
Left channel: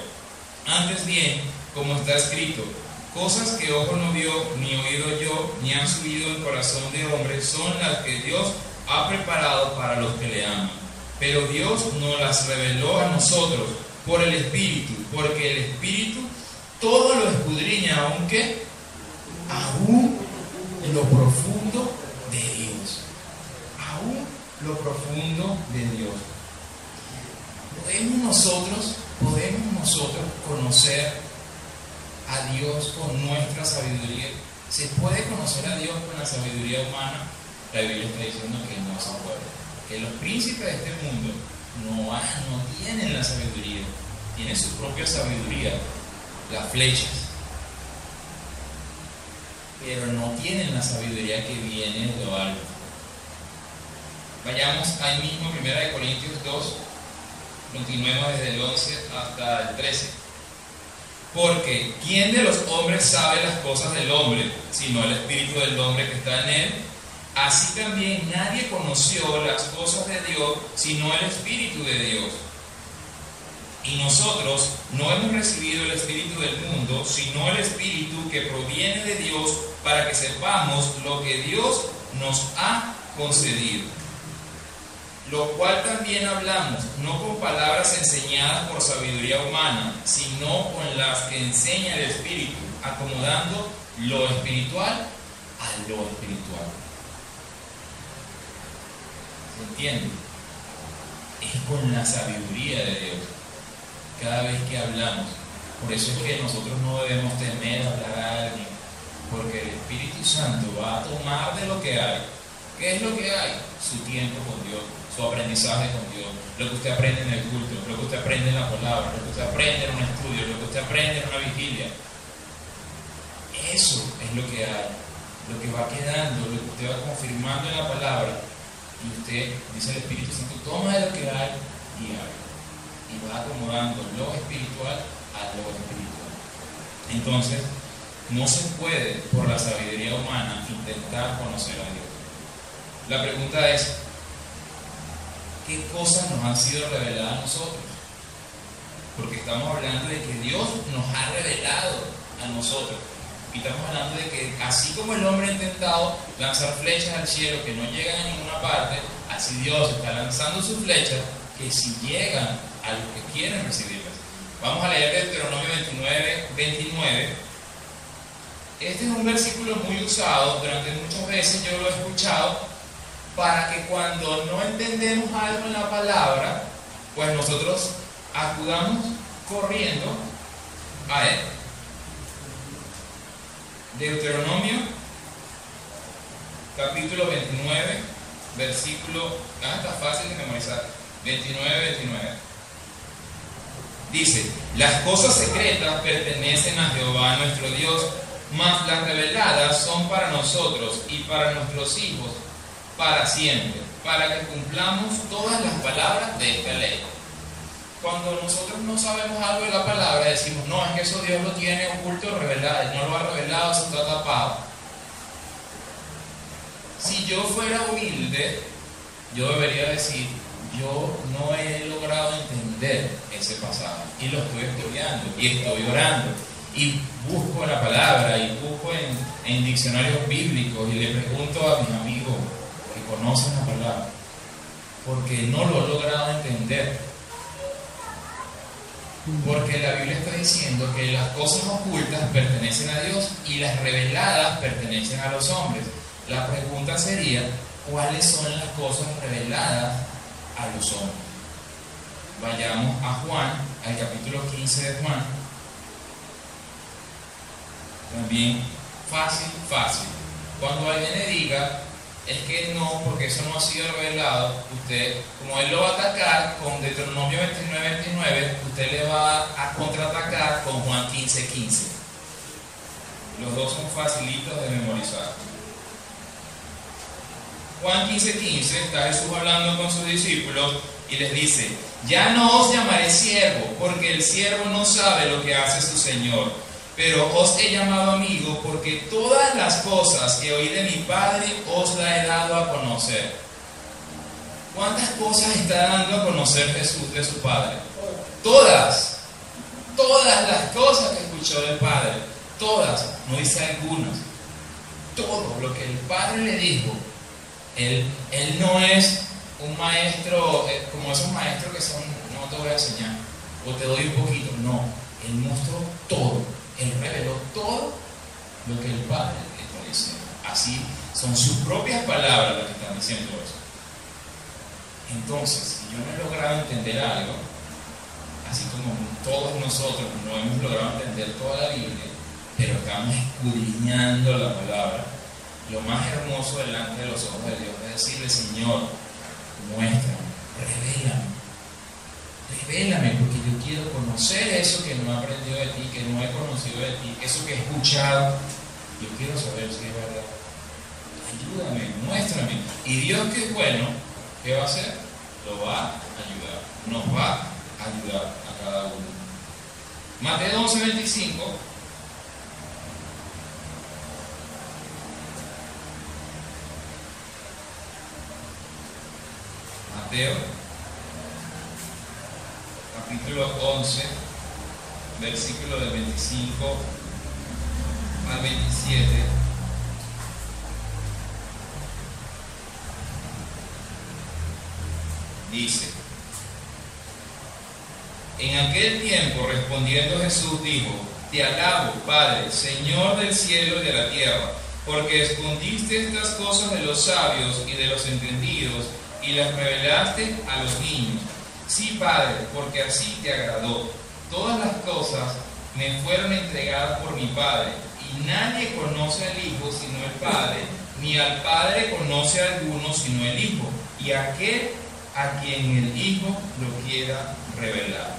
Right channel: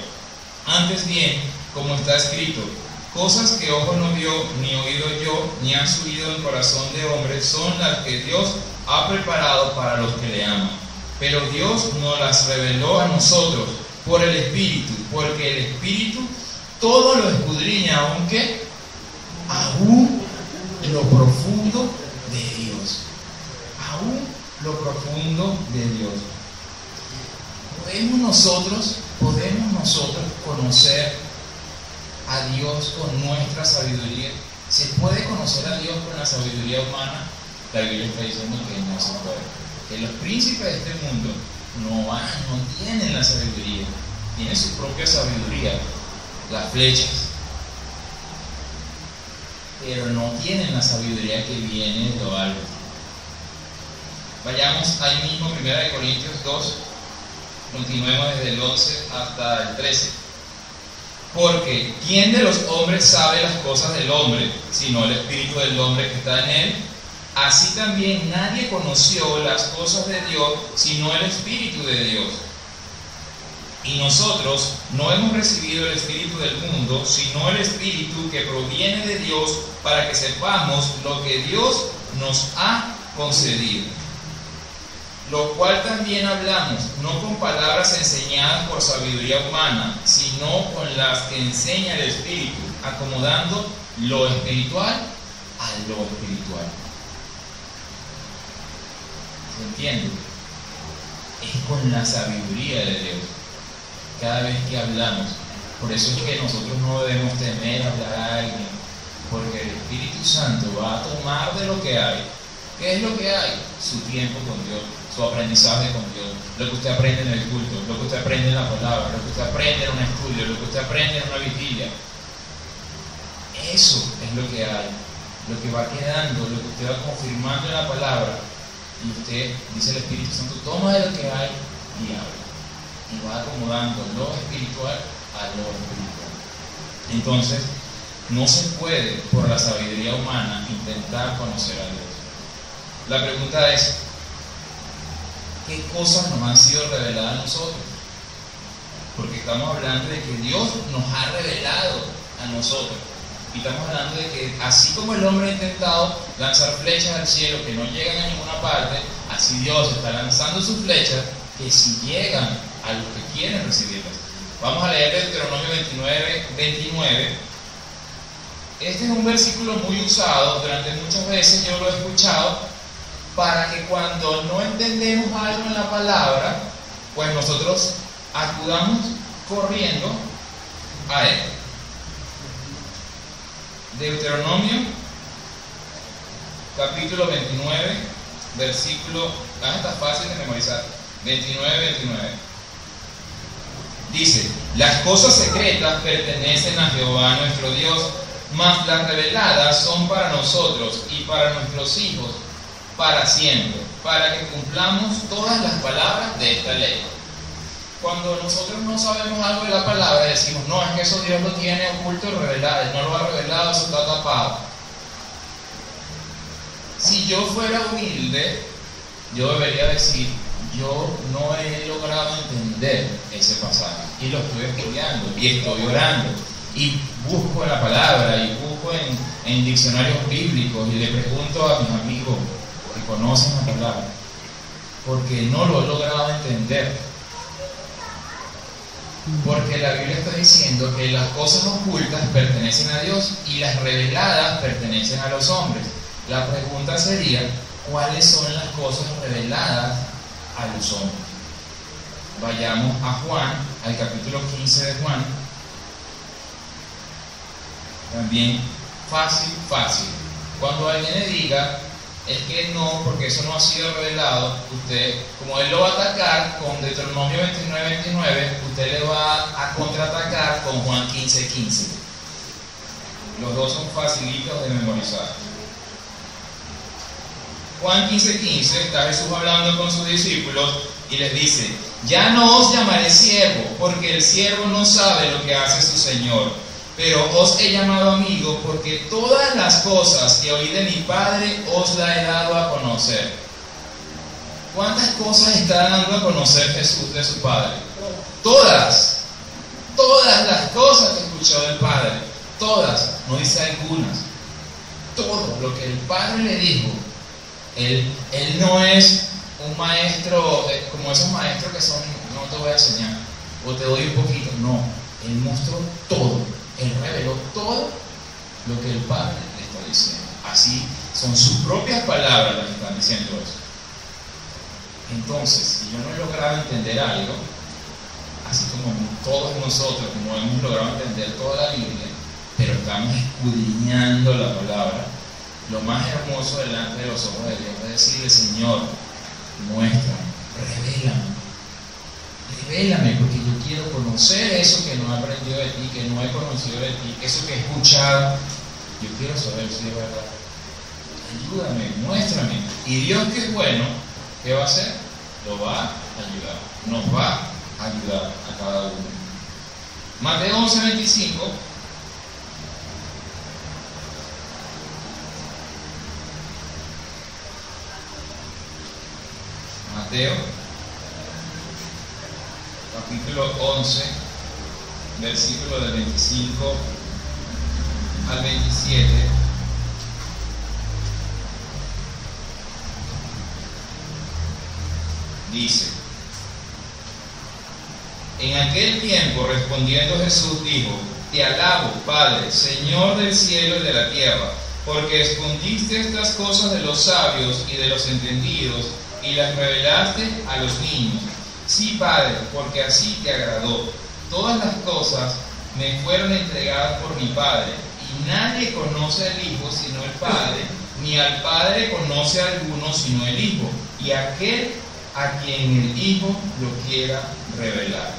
Antes bien, como está escrito, cosas que ojo no vio, ni oído yo, ni han subido en corazón de hombre, son las que Dios ha preparado para los que le aman. Pero Dios nos las reveló a nosotros por el Espíritu, porque el Espíritu todo lo escudriña, aunque aún lo profundo de Dios. Aún lo profundo de Dios. Podemos nosotros conocer a Dios con nuestra sabiduría. ¿Se puede conocer a Dios con la sabiduría humana? La Biblia está diciendo que no se puede. Que los príncipes de este mundo no tienen la sabiduría. Tienen su propia sabiduría, las flechas. Pero no tienen la sabiduría que viene de lo alto. Vayamos ahí mismo, 1 Corintios 2, continuemos desde el 11 hasta el 13. Porque ¿quién de los hombres sabe las cosas del hombre, sino el espíritu del hombre que está en él? Así también nadie conoció las cosas de Dios sino el Espíritu de Dios. Y nosotros no hemos recibido el Espíritu del mundo, sino el Espíritu que proviene de Dios, para que sepamos lo que Dios nos ha concedido. Lo cual también hablamos, no con palabras enseñadas por sabiduría humana, sino con las que enseña el Espíritu, acomodando lo espiritual a lo espiritual. ¿Se entiende? Es con la sabiduría de Dios cada vez que hablamos. Por eso es que nosotros no debemos temer hablar a alguien, porque el Espíritu Santo va a tomar de lo que hay. ¿Qué es lo que hay? Su tiempo con Dios, su aprendizaje con Dios, lo que usted aprende en el culto, lo que usted aprende en la palabra, lo que usted aprende en un estudio, lo que usted aprende en una vigilia. Eso es lo que hay, lo que va quedando, lo que usted va confirmando en la palabra. Y usted, dice el Espíritu Santo, toma de lo que hay y habla. Y va acomodando lo espiritual a lo espiritual. Entonces, no se puede, por la sabiduría humana, intentar conocer a Dios. La pregunta es, ¿qué cosas nos han sido reveladas a nosotros? Porque estamos hablando de que Dios nos ha revelado a nosotros. Y estamos hablando de que así como el hombre ha intentado lanzar flechas al cielo que no llegan a ninguna parte, así Dios está lanzando sus flechas que si llegan a los que quieren recibirlas. Vamos a leer Deuteronomio 29. Este es un versículo muy usado, durante muchas veces yo lo he escuchado, para que cuando no entendemos algo en la palabra, pues nosotros acudamos corriendo a él. Deuteronomio capítulo 29, versículo, está fácil de memorizar, 29. Dice: las cosas secretas pertenecen a Jehová nuestro Dios, mas las reveladas son para nosotros y para nuestros hijos para siempre, para que cumplamos todas las palabras de esta ley. Cuando nosotros no sabemos algo de la palabra, decimos, no, es que eso Dios lo tiene oculto, revelado, no lo ha revelado, eso está tapado. Si yo fuera humilde, yo debería decir, yo no he logrado entender ese pasaje, y lo estoy estudiando, y estoy orando, y busco en la palabra, y busco en diccionarios bíblicos, y le pregunto a mis amigos que conocen la palabra, porque no lo he logrado entender. Porque la Biblia está diciendo que las cosas ocultas pertenecen a Dios y las reveladas pertenecen a los hombres. La pregunta sería, ¿cuáles son las cosas reveladas a los hombres? Vayamos a Juan, al capítulo 15 de Juan. También fácil. Cuando alguien le diga, es que no, porque eso no ha sido revelado, usted, como él lo va a atacar con Deuteronomio 29, usted le va a contraatacar con Juan 15. Los dos son facilitos de memorizar. Juan 15, está Jesús hablando con sus discípulos y les dice: ya no os llamaré siervo, porque el siervo no sabe lo que hace su Señor. Pero os he llamado amigos, porque todas las cosas que oí de mi Padre os las he dado a conocer. ¿Cuántas cosas está dando a conocer Jesús de su Padre? Todas las cosas que escuchó del Padre, todas, no dice algunas. Todo lo que el Padre le dijo. Él no es un maestro, como esos maestros que son, no te voy a enseñar, o te doy un poquito. No, Él mostró todo. Él reveló todo lo que el Padre le está diciendo. Así son sus propias palabras las que están diciendo eso. Entonces, si yo no he logrado entender algo, así como todos nosotros no hemos logrado entender toda la Biblia, pero estamos escudriñando la palabra, lo más hermoso delante de los ojos de Dios es decirle: Señor, muéstrame, revélame, porque yo quiero conocer eso que no he aprendido de ti, que no he conocido de ti, eso que he escuchado. Yo quiero saber si es verdad. Ayúdame, muéstrame. Y Dios, que es bueno, ¿qué va a hacer? Lo va a ayudar, nos va a ayudar a cada uno. Mateo 11:25. Mateo, capítulo 11, versículo del 25 al 27. Dice: en aquel tiempo, respondiendo Jesús, dijo: te alabo, Padre, Señor del cielo y de la tierra, porque escondiste estas cosas de los sabios y de los entendidos, y las revelaste a los niños. Sí, Padre, porque así te agradó. Todas las cosas me fueron entregadas por mi Padre, y nadie conoce al Hijo sino el Padre, ni al Padre conoce a alguno sino el Hijo, y aquel a quien el Hijo lo quiera revelar.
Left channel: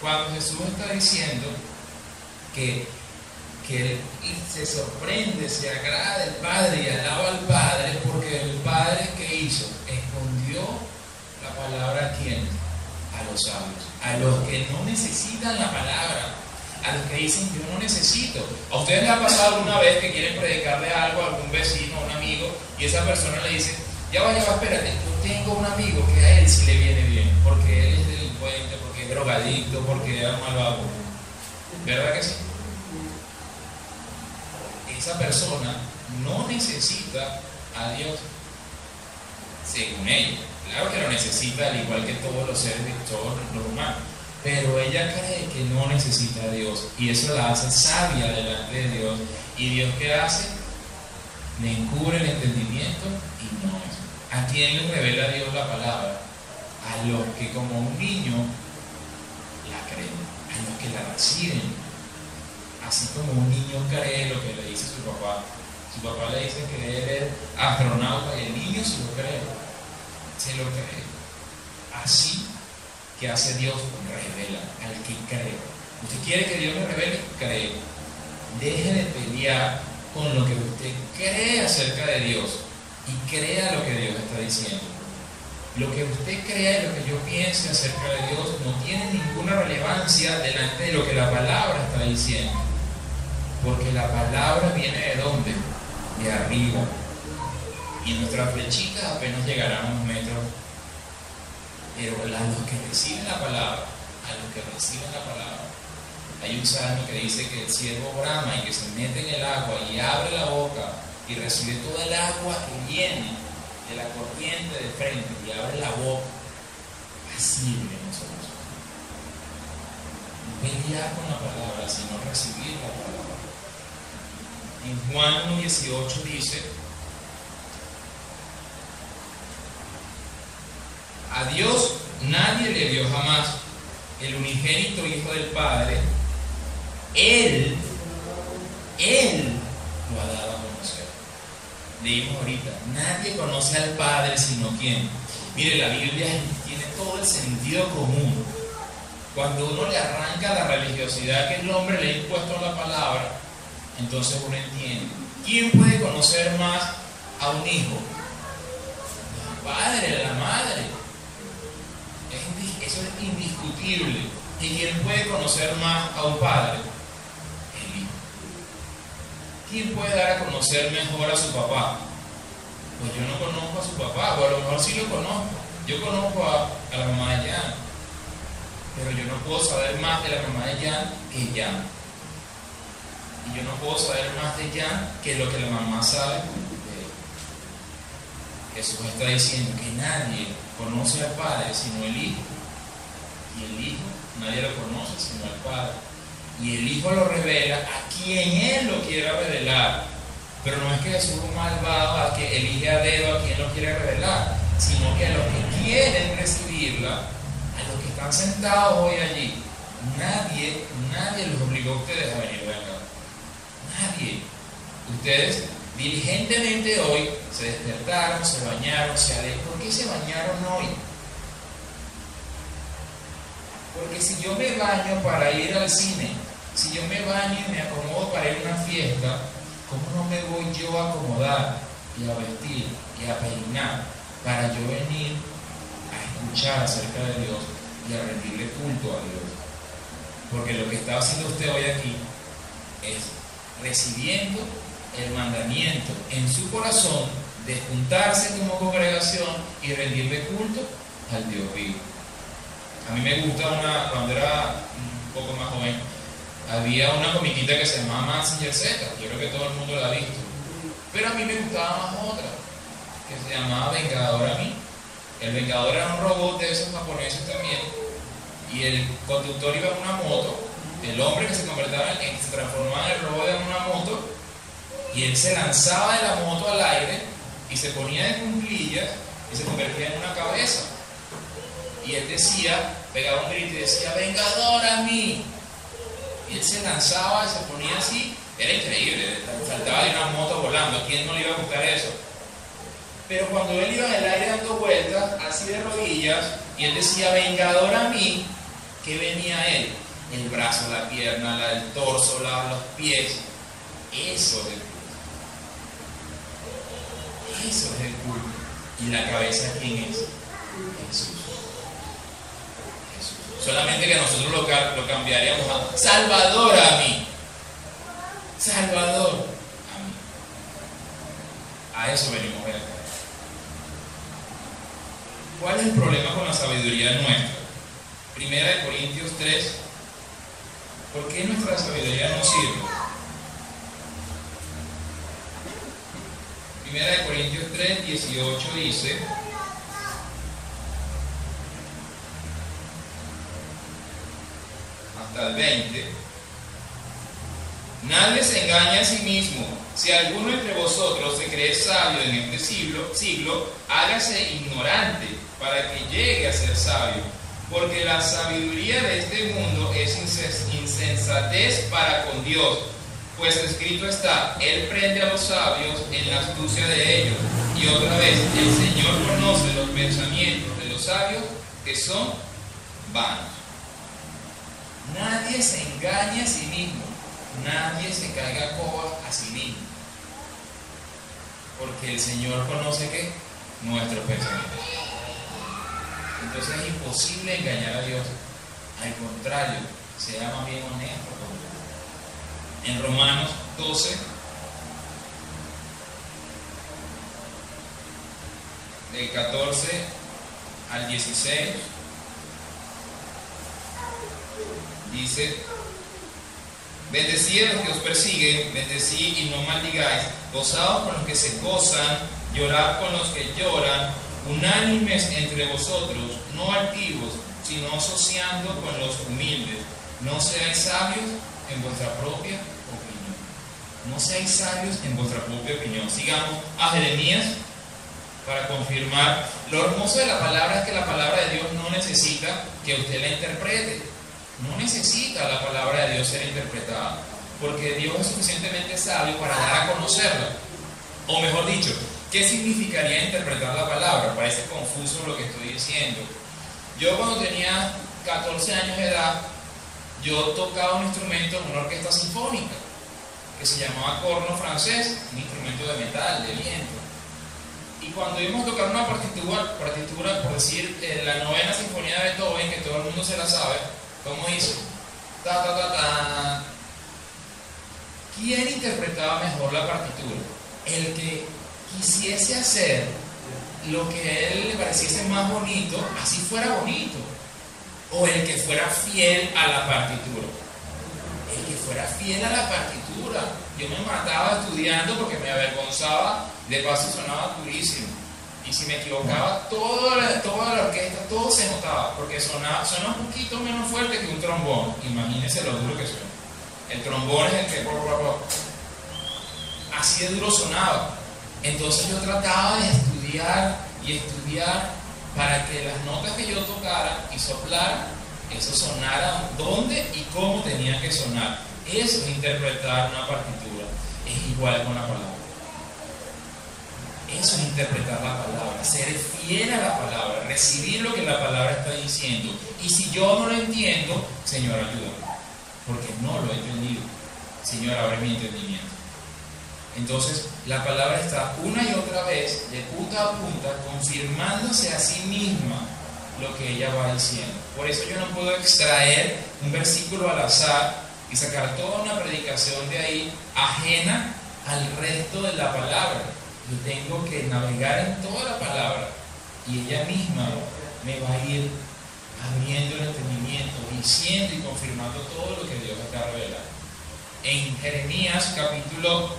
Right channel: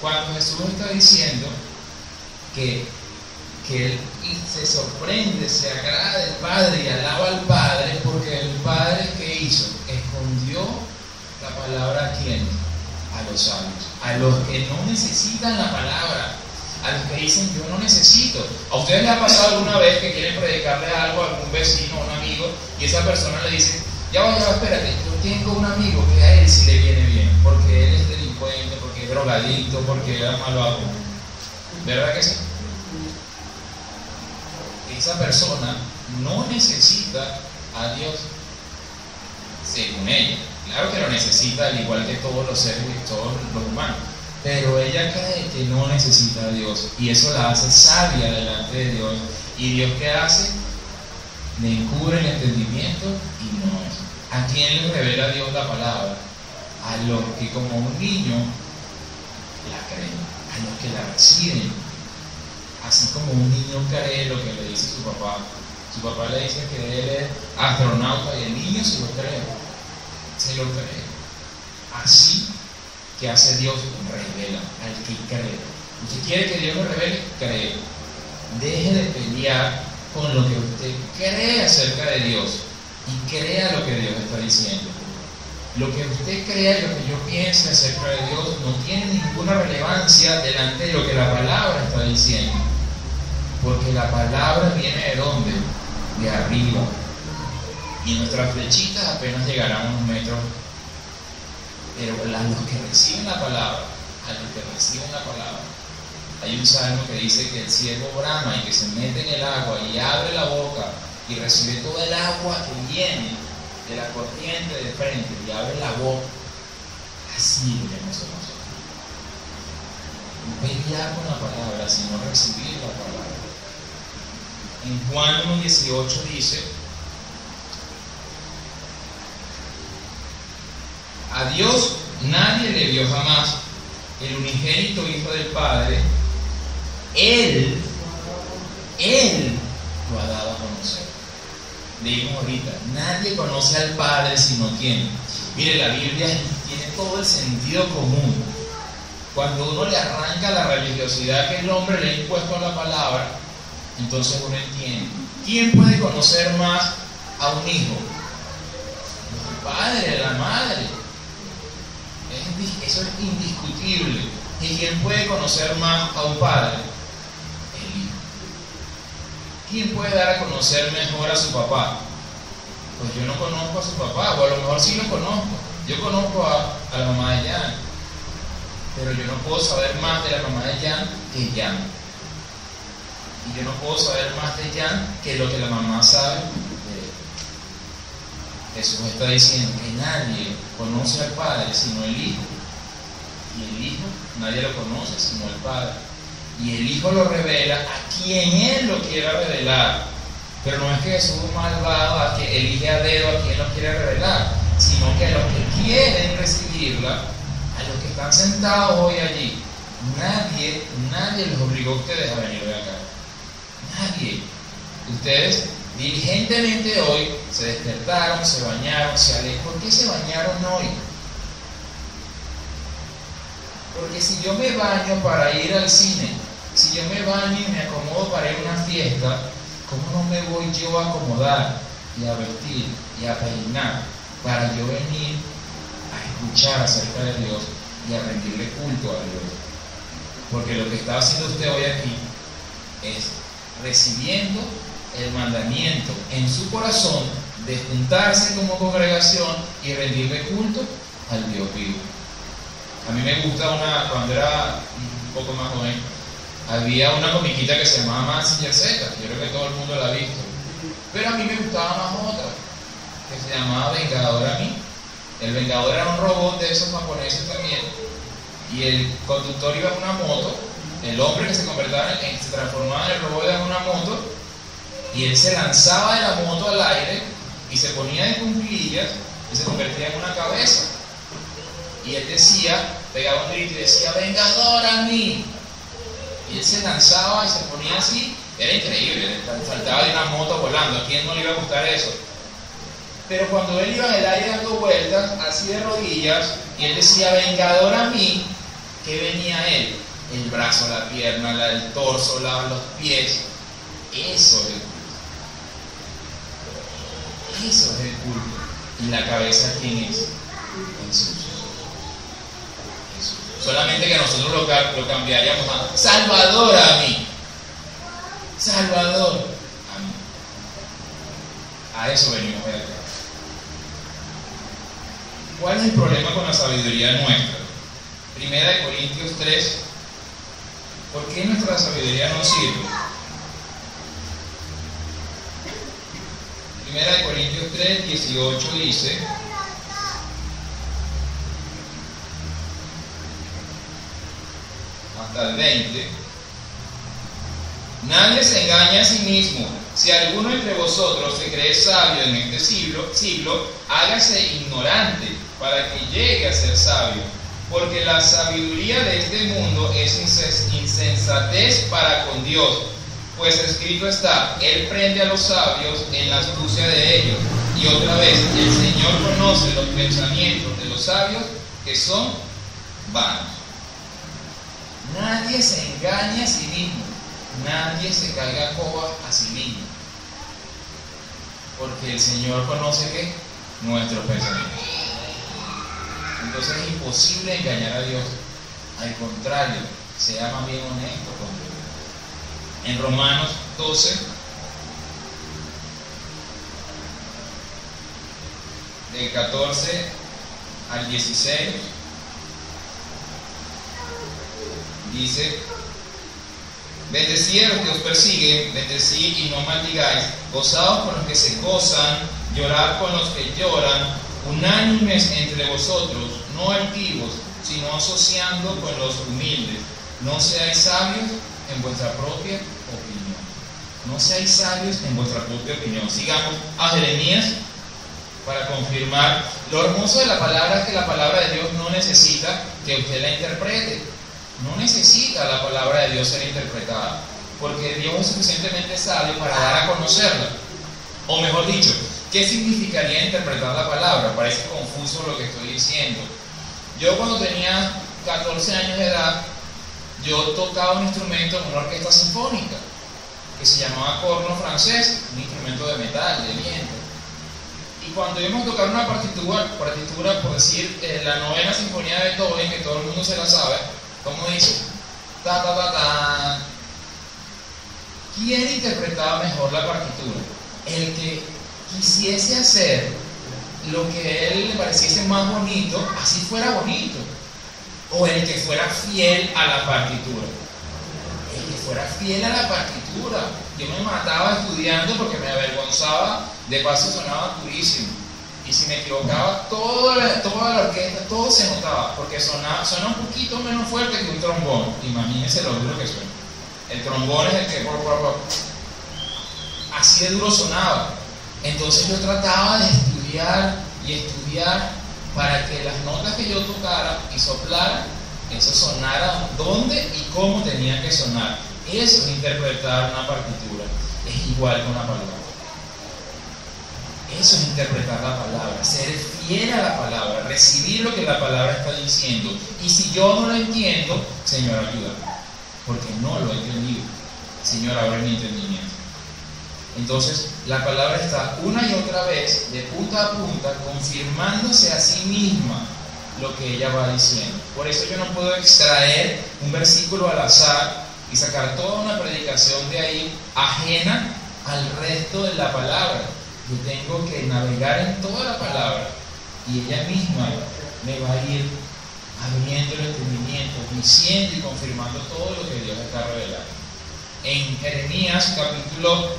Cuando Jesús está diciendo que Él se sorprende, se agrada del Padre y alaba al Padre, porque el Padre, ¿qué hizo? Escondió la palabra ¿a quién? A los sabios, a los que no necesitan la palabra, a los que dicen yo no necesito. ¿A ustedes les ha pasado alguna vez que quieren predicarle algo a algún vecino o un amigo y esa persona le dice: ya va, espérate, yo tengo un amigo que a él sí le viene bien, porque él es delincuente, porque es drogadicto, porque es malvado? ¿Verdad que sí? Esa persona no necesita a Dios, según ella. Claro que lo necesita, al igual que todos los seres, todos los humanos, pero ella cree que no necesita a Dios, y eso la hace sabia delante de Dios. ¿Y Dios qué hace? Le encubre el entendimiento y no es. ¿A quién le revela Dios la palabra? A los que como un niño la creen, a los que la reciben. Así como un niño cree lo que le dice su papá. Su papá le dice que él es astronauta y el niño se lo cree. Se lo cree. Así que hace Dios, revela al que cree. ¿Usted quiere que Dios le revele? Cree. Deje de pelear con lo que usted cree acerca de Dios y crea lo que Dios está diciendo. Lo que usted crea y lo que yo piense acerca de Dios no tiene ninguna relevancia delante de lo que la palabra está diciendo. Porque la palabra viene ¿de dónde? De arriba. Y nuestras flechitas apenas llegarán a unos metros. Pero a los que reciben la palabra, hay un salmo que dice que el siervo brama y que se mete en el agua y abre la boca y recibe toda el agua que viene de la corriente de frente y abre la boca. Así debemos ser nosotros. Pelear con la palabra, sino recibir la palabra. En Juan 1:18 dice: a Dios nadie le vio jamás, el unigénito Hijo del Padre, Él lo ha dado a conocer. Leímos ahorita: nadie conoce al Padre sino quién. Mire, la Biblia tiene todo el sentido común. Cuando uno le arranca la religiosidad que el hombre le ha impuesto a la palabra, entonces uno entiende. ¿Quién puede conocer más a un hijo? El padre, la madre. Eso es indiscutible. ¿Y quién puede conocer más a un padre? El hijo. ¿Quién puede dar a conocer mejor a su papá? Pues yo no conozco a su papá, o a lo mejor sí lo conozco. Yo conozco a la mamá de Jan, pero yo no puedo saber más de la mamá de Jan que Jan. Y yo no puedo saber más de Jan que lo que la mamá sabe de él. Jesús está diciendo que nadie conoce al Padre sino el Hijo. Y el Hijo, nadie lo conoce sino el Padre. Y el Hijo lo revela a quien Él lo quiera revelar. Pero no es que Jesús es malvado, a que elige a dedo a quien lo quiere revelar, sino que a los que quieren recibirla, a los que están sentados hoy allí, nadie los obligó a ustedes a venir de acá. Nadie. Ustedes diligentemente hoy se despertaron, se bañaron, se alejaron. ¿Por qué se bañaron hoy? Porque si yo me baño para ir al cine, si yo me baño y me acomodo para ir a una fiesta, ¿cómo no me voy yo a acomodar y a vestir y a peinar para yo venir a escuchar acerca de Dios y a rendirle culto a Dios? Porque lo que está haciendo usted hoy aquí es recibiendo el mandamiento en su corazón de juntarse como congregación y rendirle culto al Dios vivo. A mí me gusta cuando era un poco más joven, había una comiquita que se llamaba Mazinger Z, yo creo que todo el mundo la ha visto, pero a mí me gustaba más otra, que se llamaba Vengador a mí. El Vengador era un robot de esos japoneses también, y el conductor iba en una moto, el hombre que se transformaba en el robot en una moto, y él se lanzaba de la moto al aire y se ponía de cuclillas y se convertía en una cabeza. Y él decía, pegaba un grito y decía, ¡Vengador a mí! Y él se lanzaba y se ponía así, era increíble, saltaba de una moto volando. ¿A quién no le iba a gustar eso? Pero cuando él iba en el aire dando vueltas, así de rodillas, y él decía, ¡Vengador a mí!, ¿qué venía él? El brazo, la pierna, el torso, los pies. Eso es el culto. Eso es el culto. ¿Y la cabeza quién es? Jesús. Solamente que nosotros lo cambiaríamos a Salvador a mí. Salvador a mí. A eso venimos de acá. ¿Cuál es el problema con la sabiduría nuestra? Primera de Corintios 3. ¿Por qué nuestra sabiduría no sirve? Primera de Corintios 3, 18 dice: hasta el 20. Nadie se engaña a sí mismo. Si alguno entre vosotros se cree sabio en este siglo, hágase ignorante para que llegue a ser sabio. Porque la sabiduría de este mundo es insensatez para con Dios. Pues escrito está, Él prende a los sabios en la astucia de ellos. Y otra vez, el Señor conoce los pensamientos de los sabios que son vanos. Nadie se engaña a sí mismo. Nadie se caiga a coba a sí mismo. Porque el Señor conoce ¿qué? Nuestros pensamientos. Entonces es imposible engañar a Dios. Al contrario, sea más bien honesto con Dios. En Romanos 12, del 14 al 16, dice: bendecid a los que os persiguen, bendecid y no maldigáis, gozaos con los que se gozan, llorad con los que lloran, unánimes entre vosotros, no altivos, sino asociando con los humildes. No seáis sabios en vuestra propia opinión. No seáis sabios en vuestra propia opinión. Sigamos a Jeremías para confirmar. Lo hermoso de la palabra es que la palabra de Dios no necesita que usted la interprete. No necesita la palabra de Dios ser interpretada, porque Dios es suficientemente sabio para dar a conocerla. O mejor dicho, ¿qué significaría interpretar la palabra? Parece confuso lo que estoy diciendo. Yo cuando tenía 14 años de edad, yo tocaba un instrumento en una orquesta sinfónica que se llamaba corno francés, un instrumento de metal, de viento. Y cuando íbamos a tocar una partitura, por decir, la novena sinfonía de Beethoven, que todo el mundo se la sabe, ¿cómo dice? Ta, ta, ta, ta. ¿Quién interpretaba mejor la partitura? El que quisiese hacer lo que a él le pareciese más bonito, así fuera bonito, o el que fuera fiel a la partitura. El que fuera fiel a la partitura. Yo me mataba estudiando porque me avergonzaba, de paso sonaba durísimo, y si me equivocaba toda la orquesta, todo se notaba, porque suena un poquito menos fuerte que un trombón. Imagínense lo duro que suena. El trombón es el que así de duro sonaba. Entonces yo trataba de estudiar y estudiar para que las notas que yo tocara y soplara, eso sonara donde y cómo tenía que sonar. Eso es interpretar una partitura. Es igual con la palabra. Eso es interpretar la palabra, ser fiel a la palabra, recibir lo que la palabra está diciendo. Y si yo no lo entiendo, Señor, ayúdame, porque no lo he entendido. Señor, abre mi entendimiento. Entonces, la palabra está una y otra vez, de punta a punta, confirmándose a sí misma lo que ella va diciendo. Por eso yo no puedo extraer un versículo al azar y sacar toda una predicación de ahí ajena al resto de la palabra. Yo tengo que navegar en toda la palabra y ella misma me va a ir abriendo el entendimiento, diciendo y confirmando todo lo que Dios está revelando. En Jeremías capítulo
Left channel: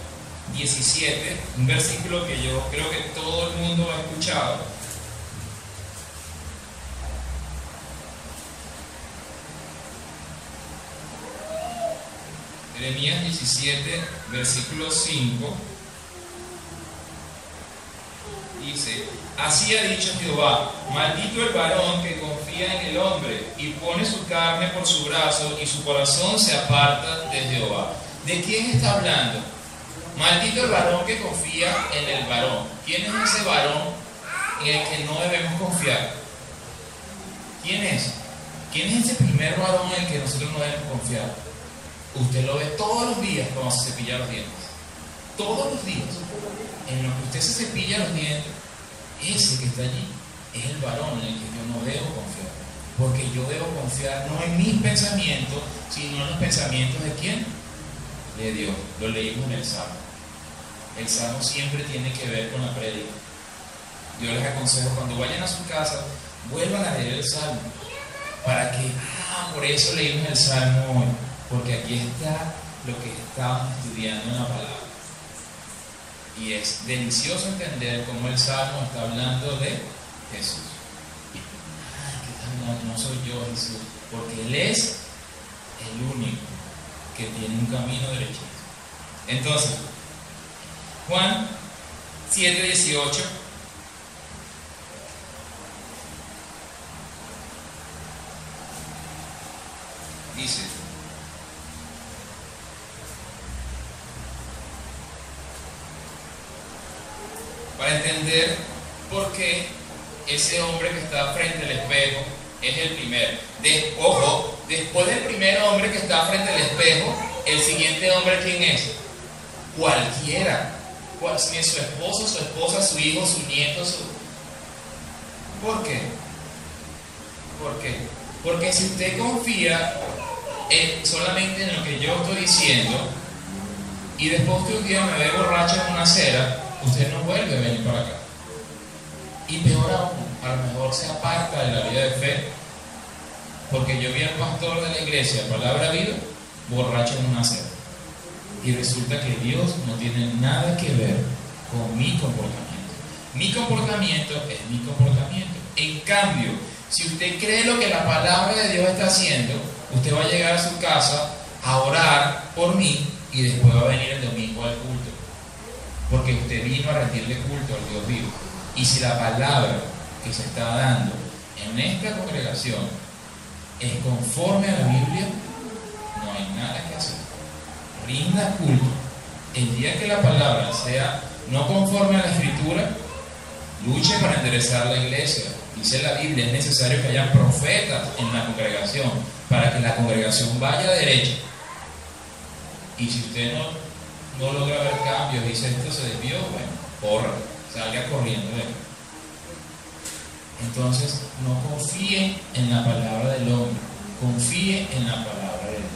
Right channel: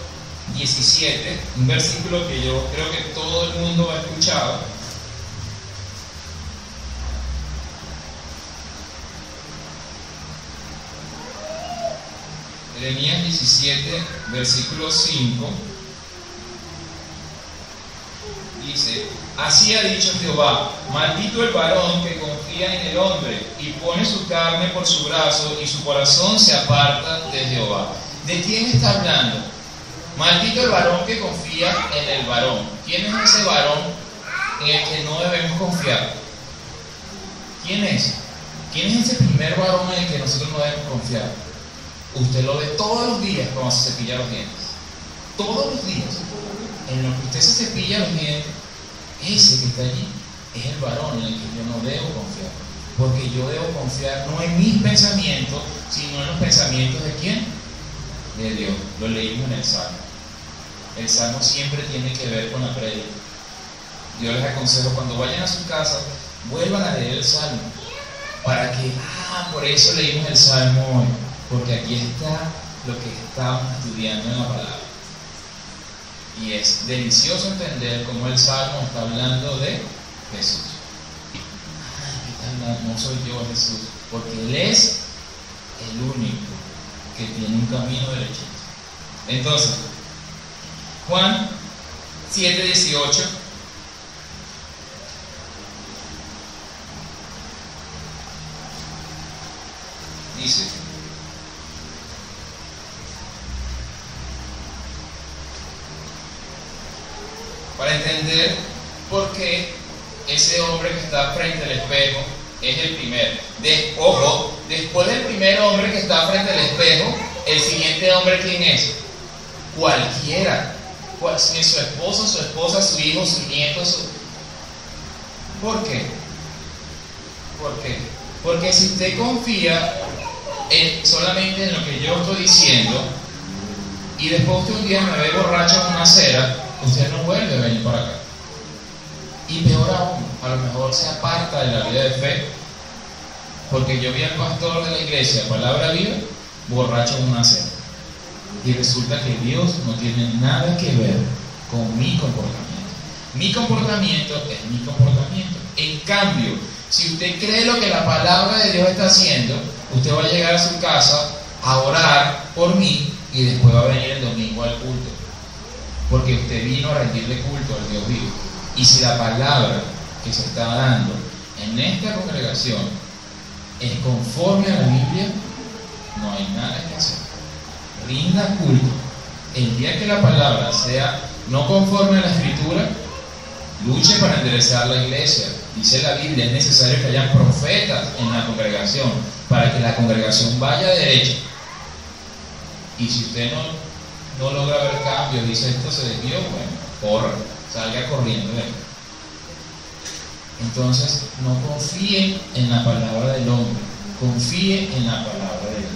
17, un versículo que yo creo que todo el mundo ha escuchado. Jeremías 17, versículo 5, dice: así ha dicho Jehová, maldito el varón que confía en el hombre y pone su carne por su brazo y su corazón se aparta de Jehová. ¿De quién está hablando? Maldito el varón que confía en el varón. ¿Quién es ese varón en el que no debemos confiar? ¿Quién es? ¿Quién es ese primer varón en el que nosotros no debemos confiar? Usted lo ve todos los días cuando se cepilla los dientes. Todos los días. En lo que usted se cepilla los dientes, ese que está allí es el varón en el que yo no debo confiar. Porque yo debo confiar no en mis pensamientos, sino en los pensamientos de ¿quién? De Dios. Lo leímos en el Salmo. El Salmo siempre tiene que ver con la prédica. Yo les aconsejo, cuando vayan a su casa, vuelvan a leer el Salmo. Para que, por eso leímos el Salmo hoy. Porque aquí está lo que estábamos estudiando en la palabra. Y es delicioso entender cómo el Salmo está hablando de Jesús. No soy yo Jesús, porque Él es el único que tiene un camino derechito. Entonces, Juan 7:18 dice: para entender por qué ese hombre que está frente al espejo es el primero. Ojo, después del primer hombre que está frente al espejo, el siguiente hombre, ¿quién es? Cualquiera. Si es su esposo, su esposa, su hijo, su nieto, ¿Por qué? ¿Por qué? Porque si usted confía solamente en lo que yo estoy diciendo y después usted un día me ve borracho en una acera, usted no vuelve a venir para acá. Y peor aún, a lo mejor se aparta de la vida de fe, porque yo vi al pastor de la iglesia, Palabra Viva, borracho en una acera. Y resulta que Dios no tiene nada que ver con mi comportamiento. Mi comportamiento es mi comportamiento. En cambio, si usted cree lo que la palabra de Dios está haciendo, usted va a llegar a su casa a orar por mí y después va a venir el domingo al culto. Porque usted vino a rendirle culto al Dios vivo. Y si la palabra que se está dando en esta congregación es conforme a la Biblia, no hay nada que hacer. Rinda culto. El día que la palabra sea no conforme a la Escritura, luche para enderezar la iglesia. Dice la Biblia, es necesario que haya profetas en la congregación para que la congregación vaya derecha. Y si usted no logra ver cambios, dice esto se desvió, bueno, corra, salga corriendo de ahí. Entonces, no confíe en la palabra del hombre, confíe en la palabra de Dios.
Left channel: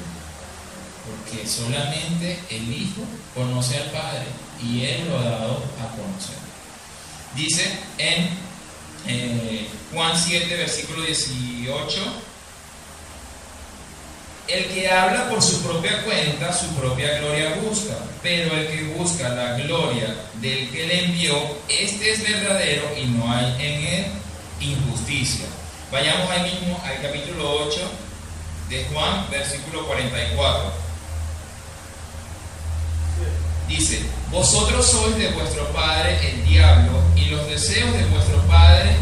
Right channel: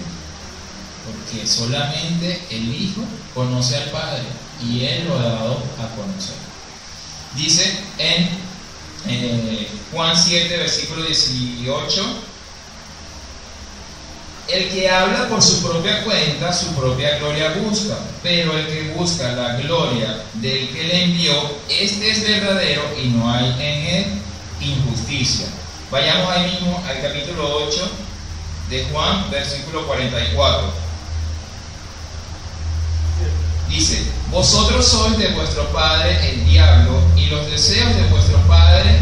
Porque solamente el Hijo conoce al Padre y Él lo ha dado a conocer. Dice en Juan 7, versículo 18: el que habla por su propia cuenta, su propia gloria busca, pero el que busca la gloria del que le envió, este es verdadero y no hay en él injusticia. Vayamos ahí mismo al capítulo 8 de Juan, versículo 44. Dice: vosotros sois de vuestro padre el diablo, y los deseos de vuestro padre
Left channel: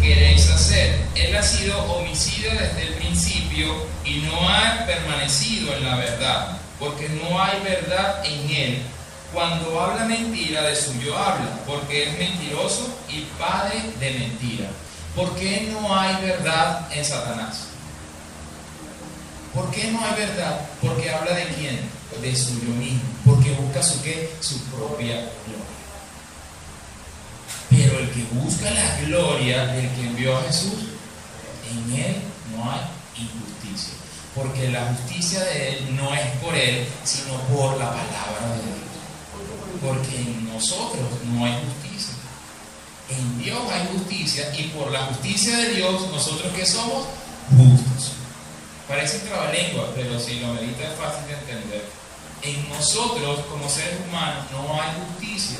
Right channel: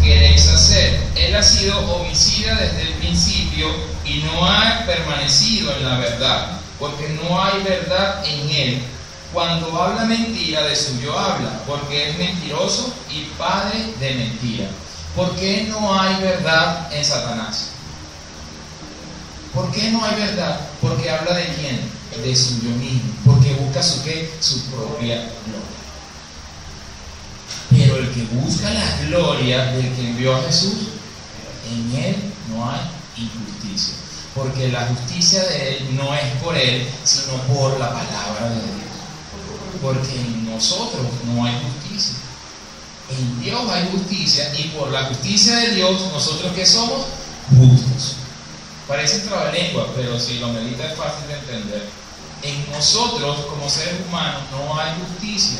queréis hacer. Él ha sido homicida desde el principio y no ha permanecido en la verdad, porque no hay verdad en él. Cuando habla mentira, de suyo habla, porque es mentiroso y padre de mentira. ¿Por qué no hay verdad en Satanás? ¿Por qué no hay verdad? Porque habla de quién, de suyo mismo, porque busca su ¿qué? Su propia gloria. Pero el que busca la gloria del que envió a Jesús, en él no hay injusticia, porque la justicia de él no es por él, sino por la palabra de Dios. Porque en nosotros no hay justicia. En Dios hay justicia y por la justicia de Dios, nosotros que somos justos. Parece trabalengua, pero si lo medita es fácil de entender. En nosotros, como seres humanos, no hay justicia.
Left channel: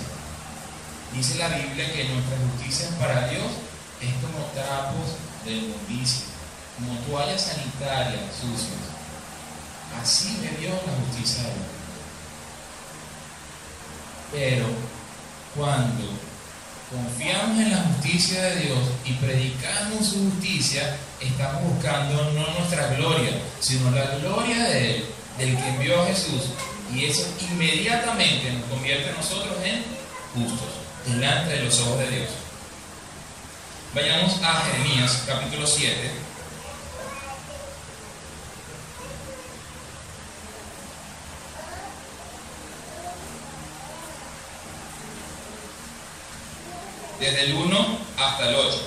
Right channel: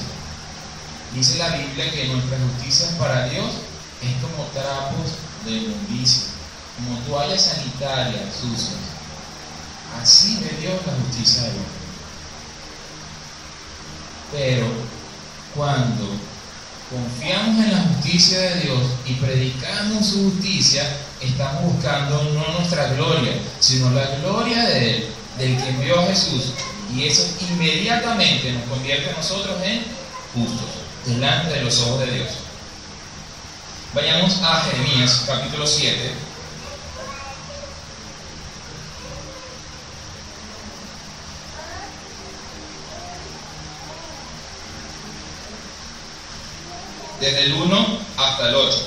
Dice la Biblia que nuestra justicia para Dios es como trapos de inmundicia, como toallas sanitarias sucias. Así ve Dios la justicia de Dios. Pero cuando confiamos en la justicia de Dios y predicamos su justicia, estamos buscando no nuestra gloria, sino la gloria de Él, del que envió a Jesús. Y eso inmediatamente nos convierte a nosotros en justos, delante de los ojos de Dios. Vayamos a Jeremías, capítulo 7. Desde el 1 hasta el 8.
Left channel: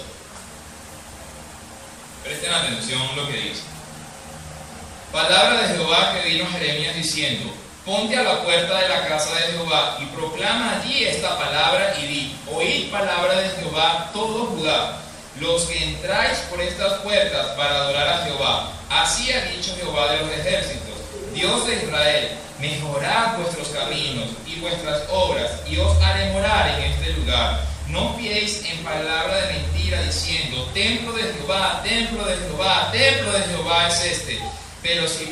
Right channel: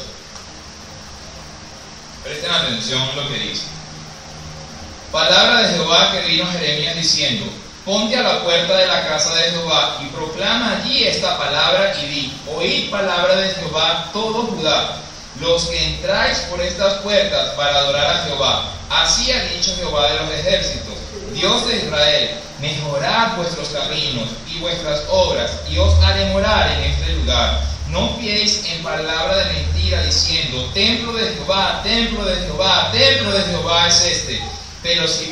Presten atención a lo que dice. Palabra de Jehová que vino a Jeremías diciendo: ponte a la puerta de la casa de Jehová y proclama allí esta palabra y di: oíd palabra de Jehová todo Judá, los que entráis por estas puertas para adorar a Jehová. Así ha dicho Jehová de los ejércitos, Dios de Israel: mejorad vuestros caminos y vuestras obras, y os haré morar en este lugar. No fiéis en palabra de mentira diciendo: templo de Jehová, templo de Jehová, templo de Jehová es este. Pero si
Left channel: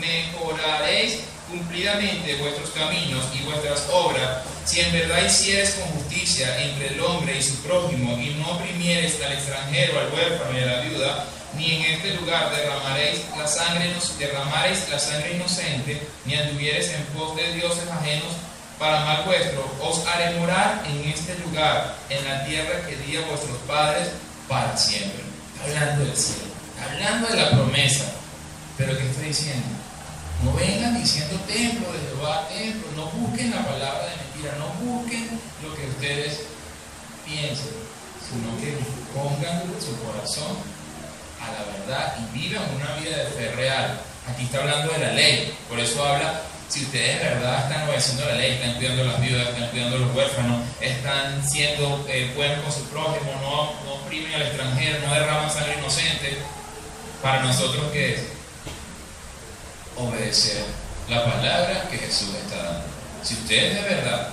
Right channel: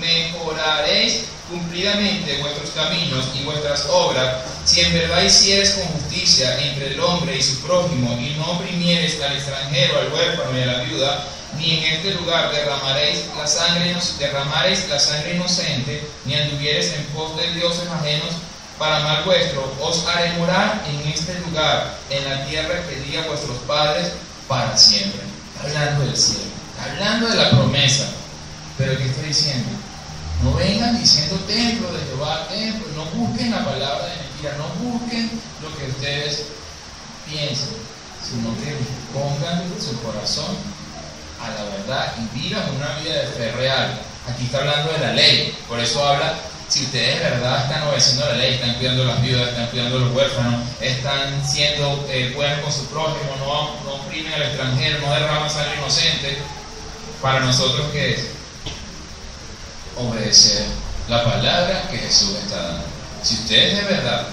mejoraréis cumplidamente vuestros caminos y vuestras obras, si en verdad hicieres con justicia entre el hombre y su prójimo, y no oprimieres al extranjero, al huérfano y a la viuda, ni en este lugar derramaréis la sangre inocente, ni anduviereis en pos de dioses ajenos para mal vuestro, os haré morar en este lugar, en la tierra que di a vuestros padres para siempre. Está hablando del cielo, está hablando de la promesa. Pero ¿qué está diciendo? No vengan diciendo templo de Jehová, templo. No busquen la palabra de mentira, no busquen lo que ustedes piensen, sino que pongan su corazón a la verdad y vivan una vida de fe real. Aquí está hablando de la ley, por eso habla: si ustedes de verdad están obedeciendo la ley, están cuidando a las viudas, están cuidando a los huérfanos, están siendo buenos con su prójimo, no oprimen al extranjero, no derraman sangre inocente. Para nosotros, ¿qué es? Obedecer la palabra que Jesús está dando. Si ustedes de verdad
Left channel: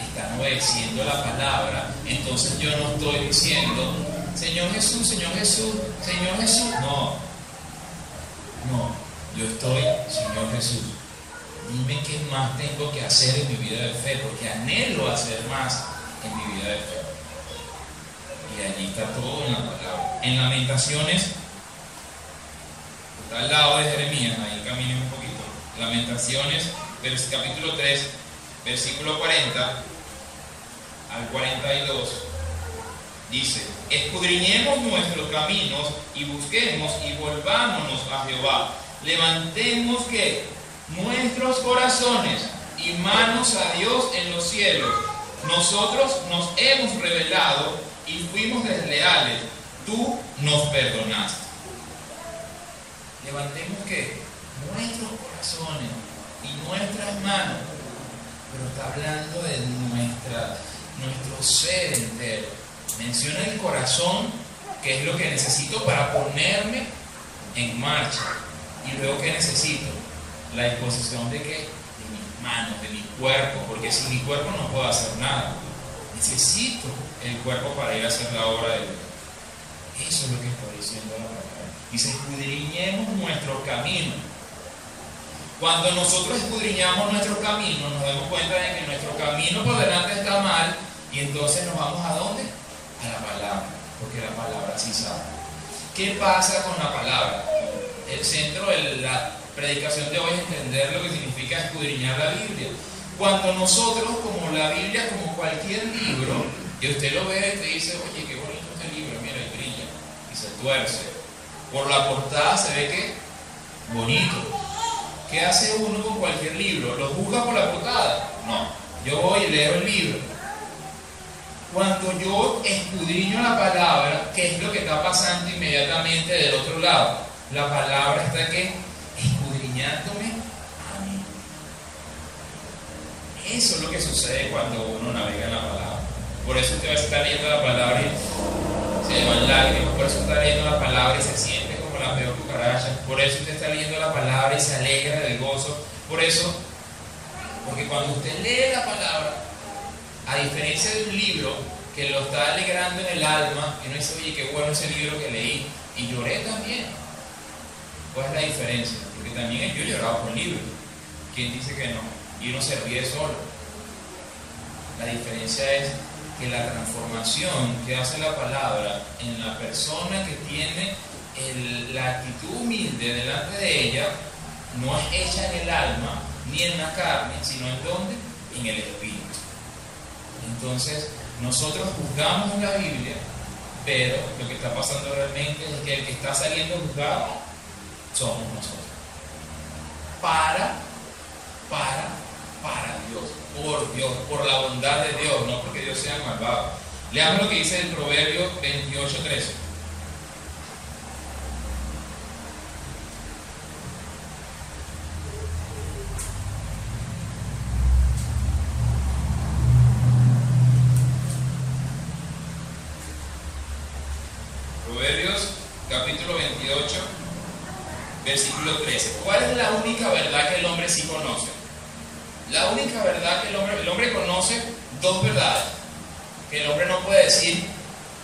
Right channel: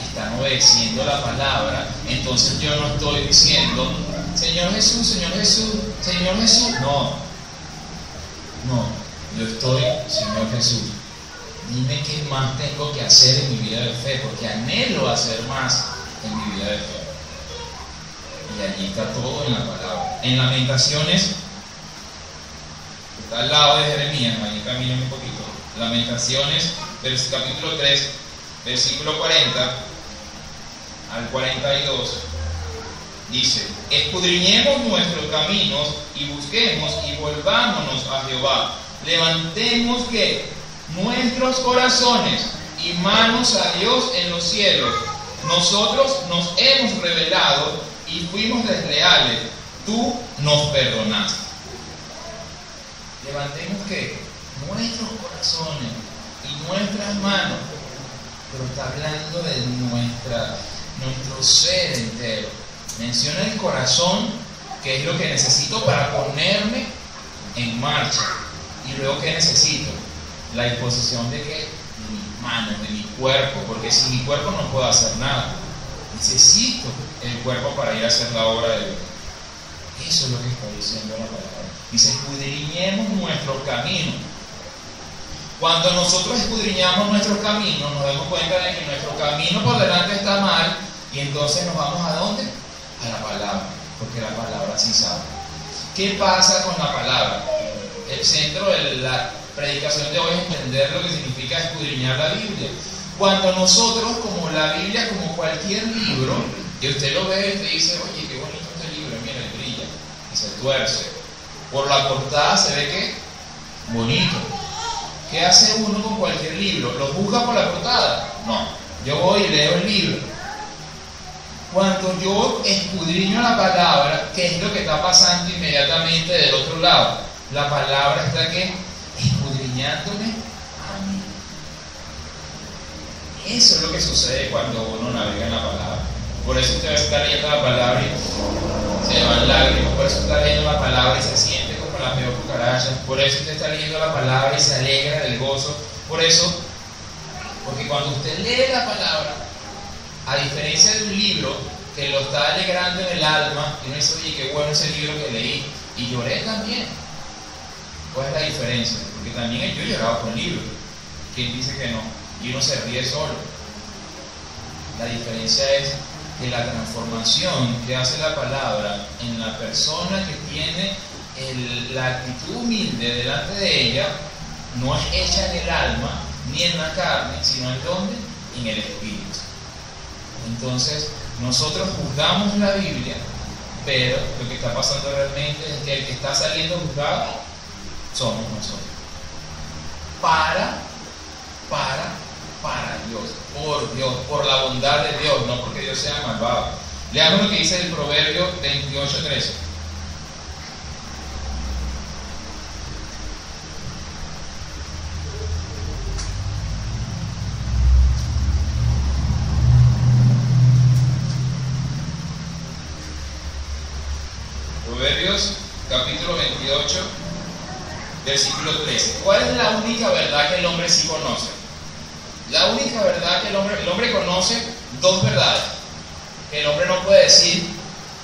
están obedeciendo la palabra, entonces yo no estoy diciendo: Señor Jesús, Señor Jesús, Señor Jesús. No, yo estoy: Señor Jesús, dime qué más tengo que hacer en mi vida de fe, porque anhelo hacer más en mi vida de fe. Y allí está todo en la palabra. En Lamentaciones, está al lado de Jeremías, ahí camino un poquito. Lamentaciones, capítulo 3, versículo 40 al 42, dice: escudriñemos nuestros caminos y busquemos y volvámonos a Jehová. Levantemos ¿qué? Nuestros corazones y manos a Dios en los cielos. Nosotros nos hemos rebelado y fuimos desleales, tú nos perdonaste. Levantemos ¿qué? Nuestros corazones y nuestras manos, pero está hablando de nuestro ser entero. Menciona el corazón, que es lo que necesito para ponerme en marcha. Y luego, ¿qué necesito? La disposición de ¿qué? De mis manos, de mi cuerpo, porque sin mi cuerpo no puedo hacer nada. Necesito el cuerpo para ir a hacer la obra de Dios. Eso es lo que está diciendo la palabra. Dice: escudriñemos nuestro camino. Cuando nosotros escudriñamos nuestro camino, nos damos cuenta de que nuestro camino por delante está mal, y entonces nos vamos ¿a dónde? A la palabra, porque la palabra sí sabe. ¿Qué pasa con la palabra? El centro de la predicación de hoy es entender lo que significa escudriñar la Biblia. Cuando nosotros, como la Biblia, como cualquier libro, que usted lo ve y te dice: oye, qué bonito este libro, mira, y brilla, y se tuerce. Por la portada se ve que bonito. ¿Qué hace uno con cualquier libro? ¿Lo juzga por la portada? No, yo voy y leo el libro. Cuando yo escudriño la palabra, ¿qué es lo que está pasando inmediatamente del otro lado? La palabra está ¿qué? Escudriñándome a mí. Eso es lo que sucede cuando uno navega en la palabra. Por eso usted está leyendo la palabra y se llevan lágrimas. Por eso está leyendo la palabra y se siente como la peor cucaracha. Por eso usted está leyendo la palabra y se alegra del gozo. Por eso, porque cuando usted lee la palabra, a diferencia de un libro que lo está alegrando en el alma, y no dice, oye, qué bueno ese libro que leí, y lloré también. ¿Cuál es la diferencia? Porque también yo he llorado con libros. ¿Quién dice que no? Y uno se ríe solo. La diferencia es que la transformación que hace la palabra en la persona que tiene la actitud humilde delante de ella, no es hecha en el alma ni en la carne, sino en ¿dónde? En el espíritu. Entonces, nosotros juzgamos la Biblia, pero lo que está pasando realmente es que el que está saliendo juzgado somos nosotros. Para Dios, por la bondad de Dios, no porque Dios sea malvado. Leamos lo que dice el Proverbio 28:13. Proverbios capítulo 28, versículo 13. ¿Cuál es la única verdad que el hombre sí conoce? La única verdad que el hombre conoce, dos verdades. El hombre no puede decir,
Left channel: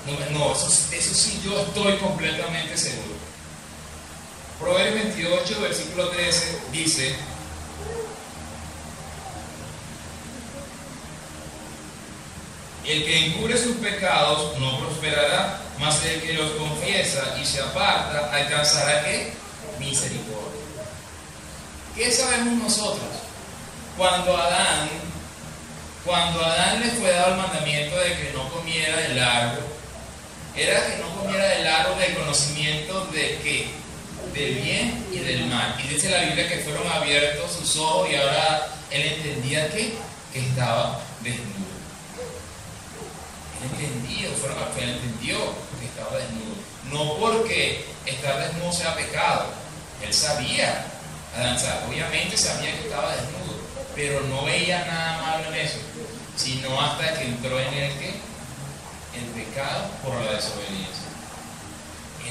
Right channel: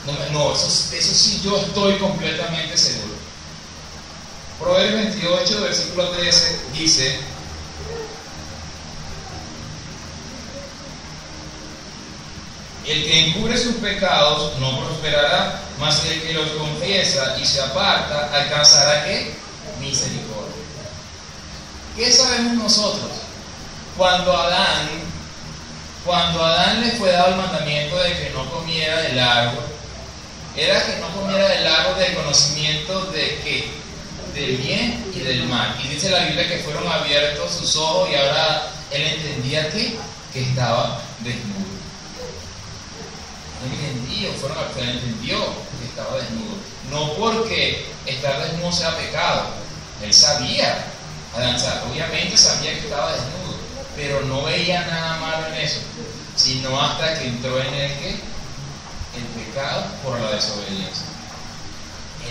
eso sí yo estoy completamente seguro. Proverbios 28, versículo 13 dice: el que encubre sus pecados no prosperará, mas el que los confiesa y se aparta alcanzará ¿qué? Misericordia. ¿Qué sabemos nosotros? Cuando a Adán le fue dado el mandamiento de que no comiera del árbol, era que no comiera del árbol del conocimiento de qué, del bien y del mal. Y dice la Biblia que fueron abiertos sus ojos y ahora él entendía que estaba desnudo. Él entendió que estaba desnudo. No porque estar desnudo sea pecado. Él sabía, obviamente sabía que estaba desnudo, pero no veía nada malo en eso, sino hasta que entró en el pecado por la desobediencia.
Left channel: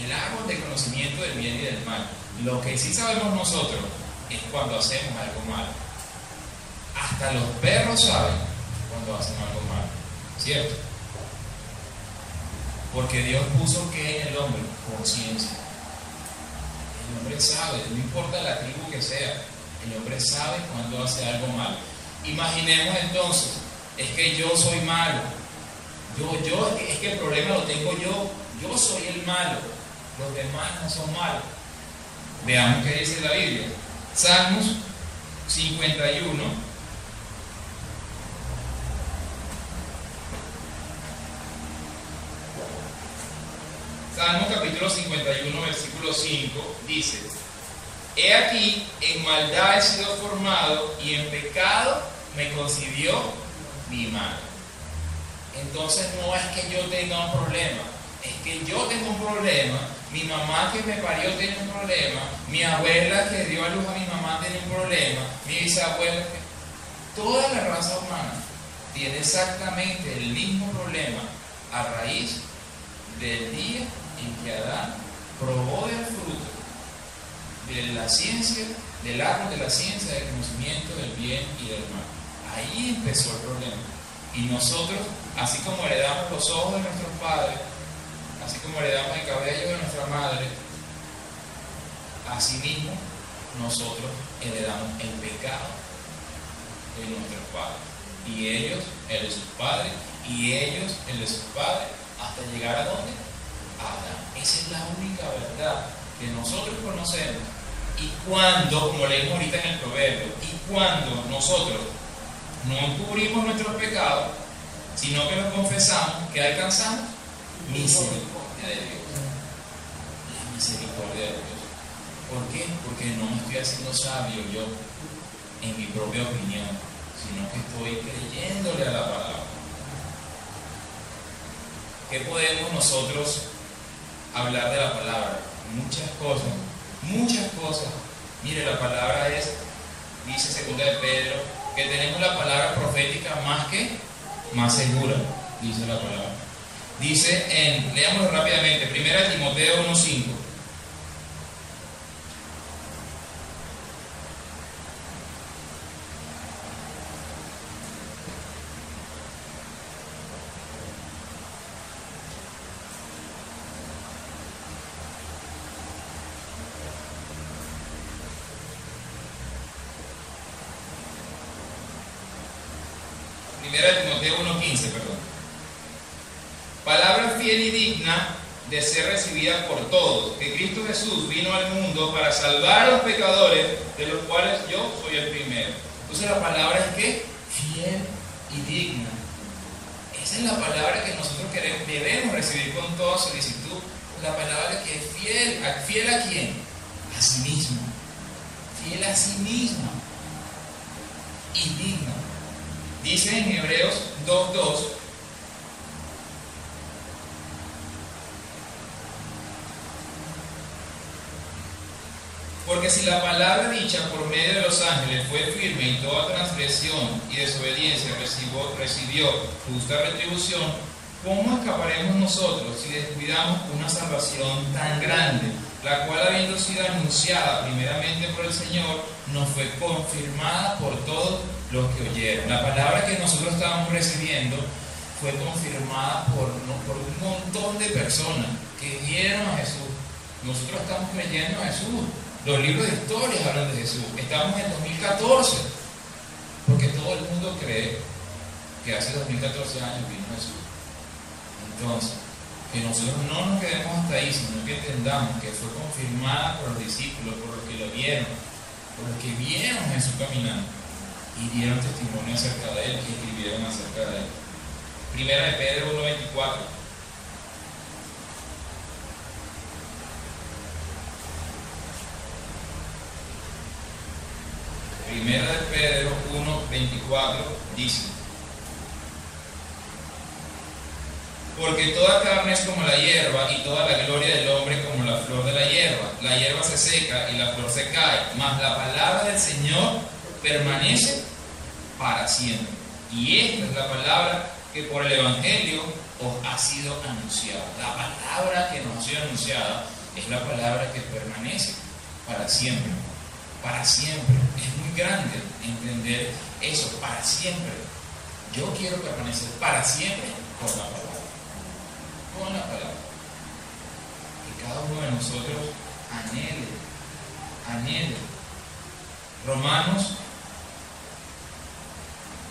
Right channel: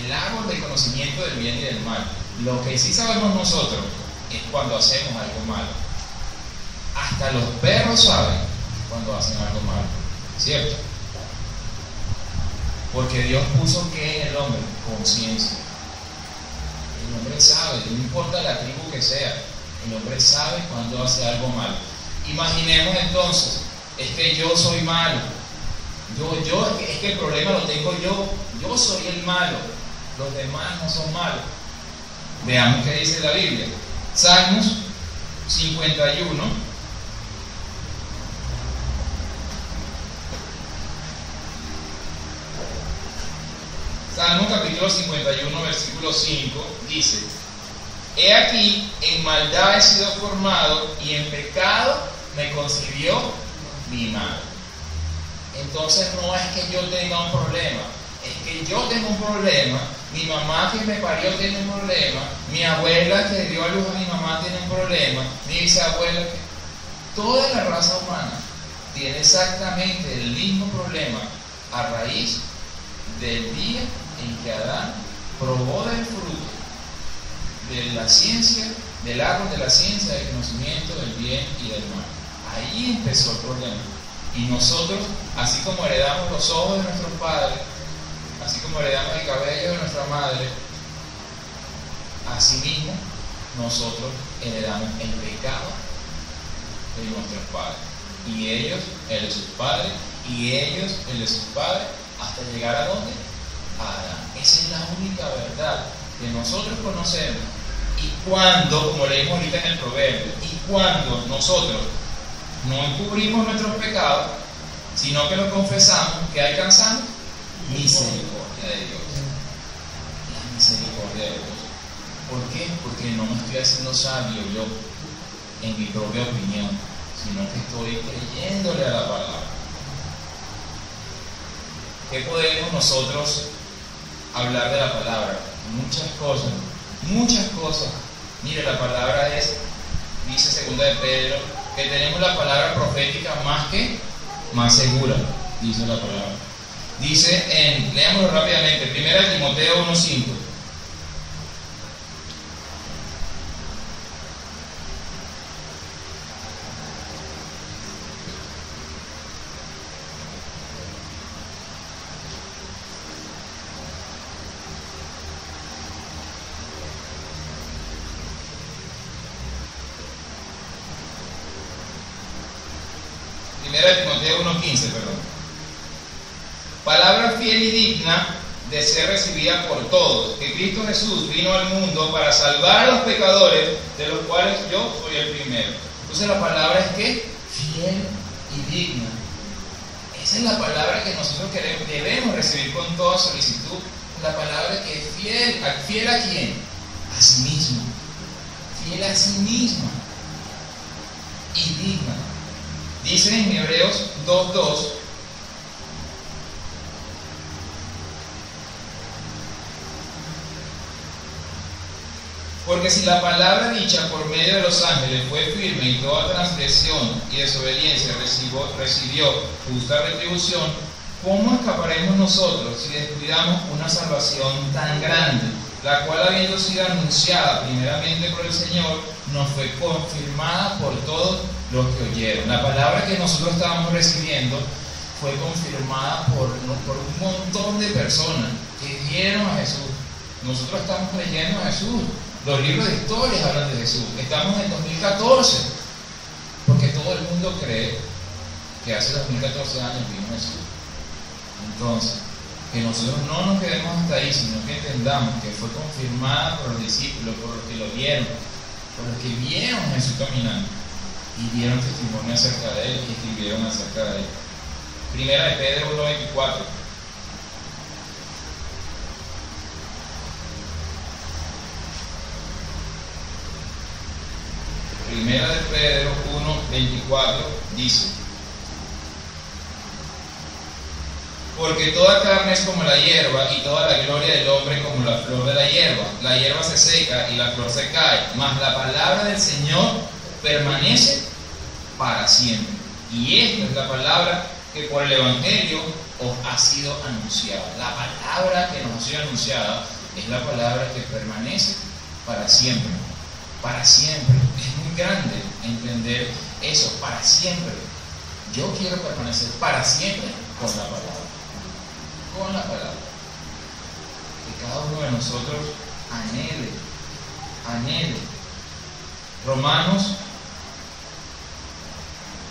El árbol de conocimiento del bien y del mal. Lo que sí sabemos nosotros es cuando hacemos algo malo. Hasta los perros saben cuando hacen algo malo, ¿cierto? Porque Dios puso que en el hombre conciencia. El hombre sabe, no importa la tribu que sea, el hombre sabe cuando hace algo malo. Imaginemos entonces, es que yo soy malo, es que el problema lo tengo yo soy el malo, los demás no son malos. Veamos qué dice la Biblia. Salmos 51. Salmo capítulo 51, versículo 5 dice: he aquí, en maldad he sido formado y en pecado me concibió mi madre. Entonces no es que yo tenga un problema, es que yo tengo un problema, mi mamá que me parió tiene un problema, mi abuela que dio a luz a mi mamá tiene un problema, mi bisabuela, toda la raza humana tiene exactamente el mismo problema a raíz del día en que Adán probó del fruto de la ciencia, del árbol de la ciencia del conocimiento del bien y del mal. Ahí empezó el problema. Y nosotros, así como heredamos los ojos de nuestros padres, así como heredamos el cabello de nuestra madre, así mismo nosotros heredamos el pecado de nuestros padres. Y ellos, el de sus padres, y ellos, el de sus padres, hasta llegar a ¿dónde? A Adán. Esa es la única verdad que nosotros conocemos. Y cuando, como leímos ahorita en el proverbio, y cuando nosotros no encubrimos nuestros pecados, sino que los confesamos, ¿qué alcanzamos? Misericordia de Dios. La misericordia de Dios. ¿Por qué? Porque no me estoy haciendo sabio yo en mi propia opinión, sino que estoy creyéndole a la palabra. ¿Qué podemos nosotros hablar de la palabra? Muchas cosas. Mire, la palabra dice 2 de Pedro que tenemos la palabra profética más segura, dice la palabra. Dice leámoslo rápidamente, 1 Timoteo 1:5. Timoteo 1:15, perdón. Palabra fiel y digna de ser recibida por todos, que Cristo Jesús vino al mundo para salvar a los pecadores, de los cuales yo soy el primero. Entonces la palabra es que fiel y digna. Esa es la palabra que nosotros debemos recibir con toda solicitud. La palabra que es fiel. ¿Fiel a quién? A sí mismo. Fiel a sí misma. Y digna. Dice en Hebreos 2:2, porque si la palabra dicha por medio de los ángeles fue firme y toda transgresión y desobediencia recibió justa retribución, ¿cómo escaparemos nosotros si descuidamos una salvación tan grande, la cual, habiendo sido anunciada primeramente por el Señor, nos fue confirmada por todos los que oyeron? La palabra que nosotros estábamos recibiendo fue confirmada por un montón de personas que dieron a Jesús. Nosotros estamos creyendo a Jesús. Los libros de historias hablan de Jesús. Estamos en 2014, porque todo el mundo cree que hace 2014 años vino Jesús. Entonces, que nosotros no nos quedemos hasta ahí, sino que entendamos que fue confirmada por los discípulos, por los que lo vieron, por los que vieron a Jesús caminando y dieron testimonio acerca de él y escribieron acerca de él. Primera de Pedro 1:24. Primera de Pedro 1:24 dice: porque toda carne es como la hierba, y toda la gloria del hombre como la flor de la hierba. La hierba se seca y la flor se cae, mas la palabra del Señor permanece para siempre. Y esta es la palabra que por el Evangelio os ha sido anunciada. La palabra que nos ha sido anunciada es la palabra que permanece para siempre. Para siempre. Es muy grande entender eso, para siempre. Yo quiero permanecer para siempre con la palabra. Con la palabra. Que cada uno de nosotros anhele. Romanos,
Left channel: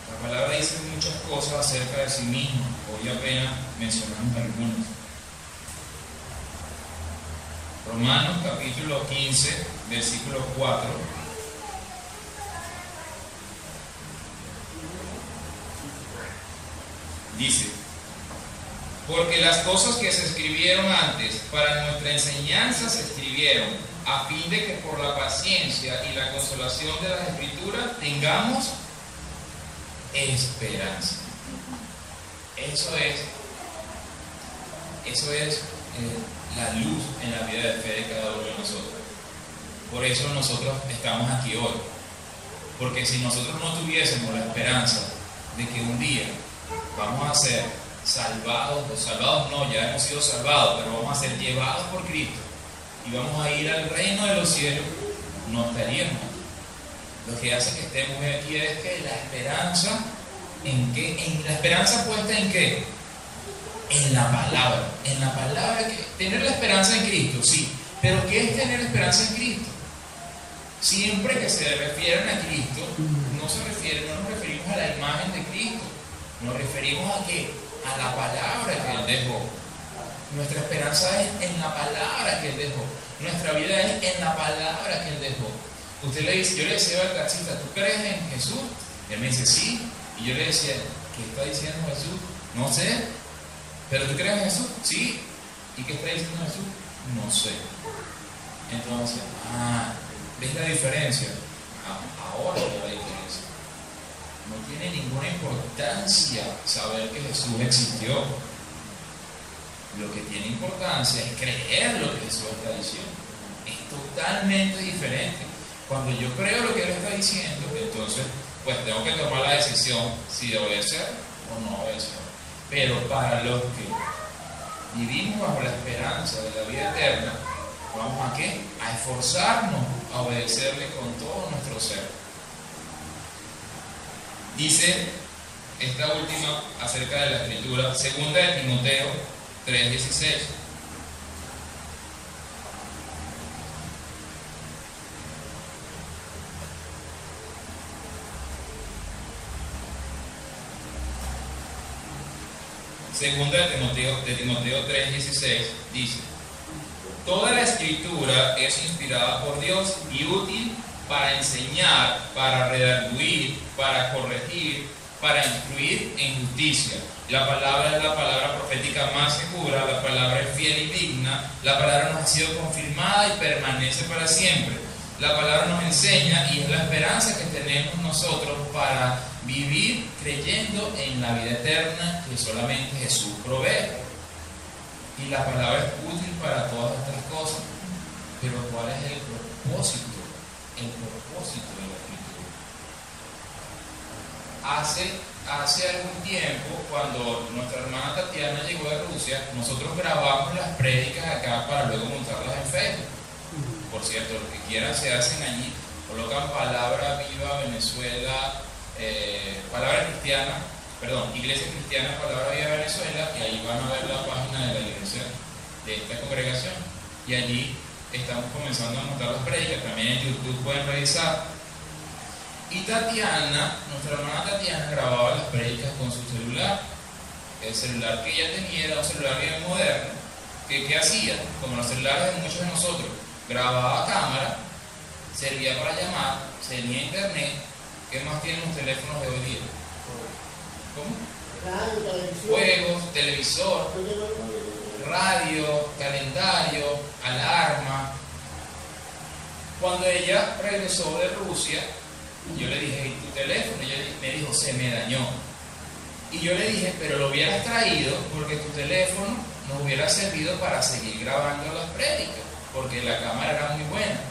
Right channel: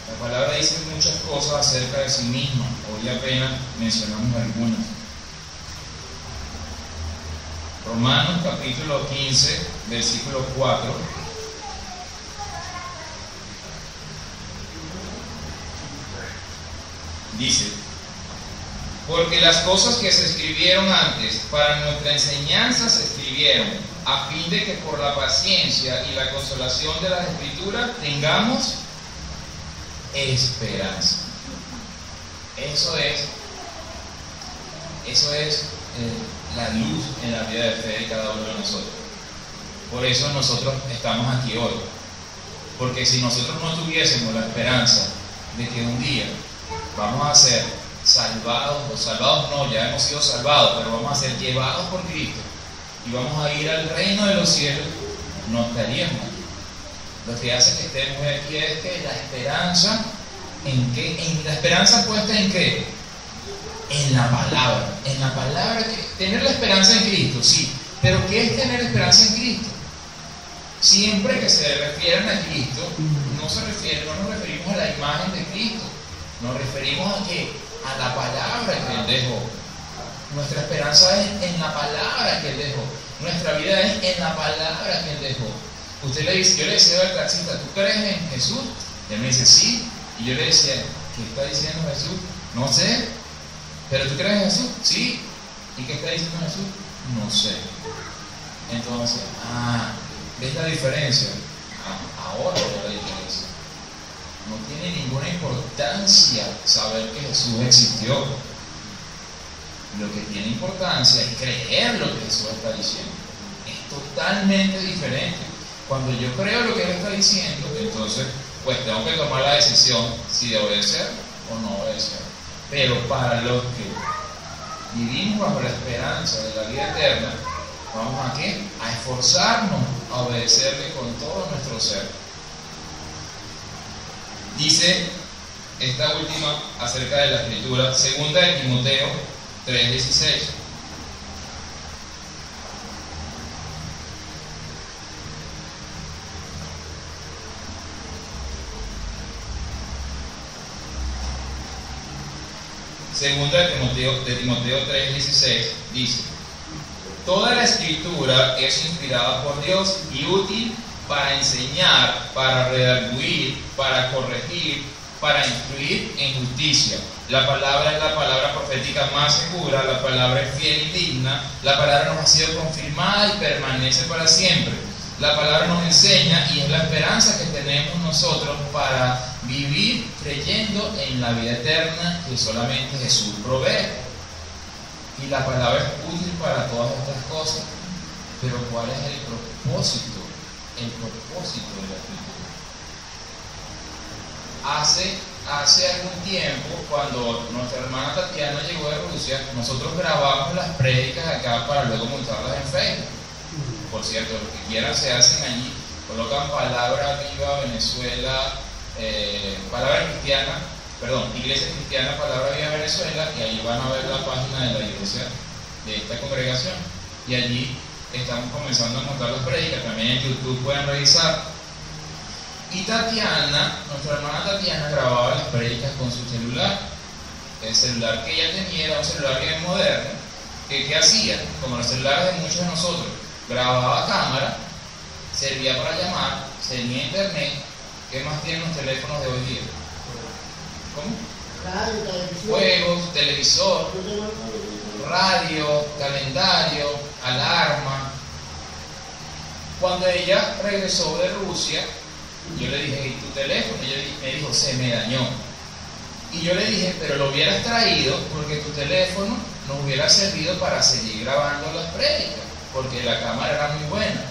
la palabra dice muchas cosas acerca de sí misma. Hoy apenas mencionamos algunas. Romanos capítulo 15, versículo 4. Dice: porque las cosas que se escribieron antes para nuestra enseñanza se escribieron, a fin de que por la paciencia y la consolación de las Escrituras tengamos esperanza. Eso es la luz en la vida de fe de cada uno de nosotros. Por eso nosotros estamos aquí hoy. Porque si nosotros no tuviésemos la esperanza de que un día vamos a ser salvados, o salvados no, ya hemos sido salvados, pero vamos a ser llevados por Cristo y vamos a ir al reino de los cielos, no estaríamos aquí. Lo que hace que estemos aquí es que la esperanza, ¿en la esperanza puesta en qué? En la palabra, tener la esperanza en Cristo, sí, pero ¿qué es tener esperanza en Cristo? Siempre que se refieren a Cristo, no nos referimos a la imagen de Cristo, nos referimos a qué, a la palabra que Él dejó. Nuestra esperanza es en la palabra que Él dejó, nuestra vida es en la palabra que Él dejó. Usted le dice, yo le decía al taxista, ¿tú crees en Jesús? Y él me dice, sí, y yo le decía, ¿qué está diciendo Jesús? No sé. ¿Pero tú crees en Jesús? Sí. ¿Y qué está diciendo Jesús? No sé. Entonces, ¿ves la diferencia? Ahora veo la diferencia. No tiene ninguna importancia saber que Jesús existió. Lo que tiene importancia es creer lo que Jesús está diciendo. Es totalmente diferente. Cuando yo creo lo que Él está diciendo, entonces pues tengo que tomar la decisión si obedecer o no obedecer. Pero para los que vivimos bajo la esperanza de la vida eterna, ¿vamos a qué? A esforzarnos a obedecerle con todo nuestro ser. Dice esta última acerca de la escritura, segunda de Timoteo 3:16. Segunda de Timoteo 3:16 dice: toda la escritura es inspirada por Dios y útil para enseñar, para redarguir, para corregir, para instruir en justicia. La palabra es la palabra profética más segura, la palabra es fiel y digna, la palabra nos ha sido confirmada y permanece para siempre. La palabra nos enseña y es la esperanza que tenemos nosotros para vivir creyendo en la vida eterna que solamente Jesús provee. Y la palabra es útil para todas estas cosas. Pero ¿cuál es el propósito? El propósito de la escritura. Hace algún tiempo, cuando nuestra hermana Tatiana llegó de Rusia, nosotros grabamos las prédicas acá para luego montarlas en Facebook. Por cierto, los que quieran se hacen allí, colocan Palabra Viva Venezuela, Iglesia Cristiana Palabra Viva Venezuela, y allí van a ver la página de la iglesia de esta congregación. Y allí estamos comenzando a montar las prédicas, también en YouTube pueden revisar. Y Tatiana, nuestra hermana Tatiana, grababa las prédicas con su celular. El celular que ella tenía era un celular bien moderno. ¿Qué hacía? Como los celulares de muchos de nosotros, grababa a cámara, servía para llamar, tenía internet. ¿Qué más tienen los teléfonos de hoy día? ¿Cómo? Radio, televisión. Juegos, televisor, radio, calendario, alarma. Cuando ella regresó de Rusia, yo le dije: ¿y tu teléfono? Y ella me dijo: se me dañó. Y yo le dije: pero lo hubieras traído porque tu teléfono nos hubiera servido para seguir grabando las prédicas, porque la cámara era muy buena.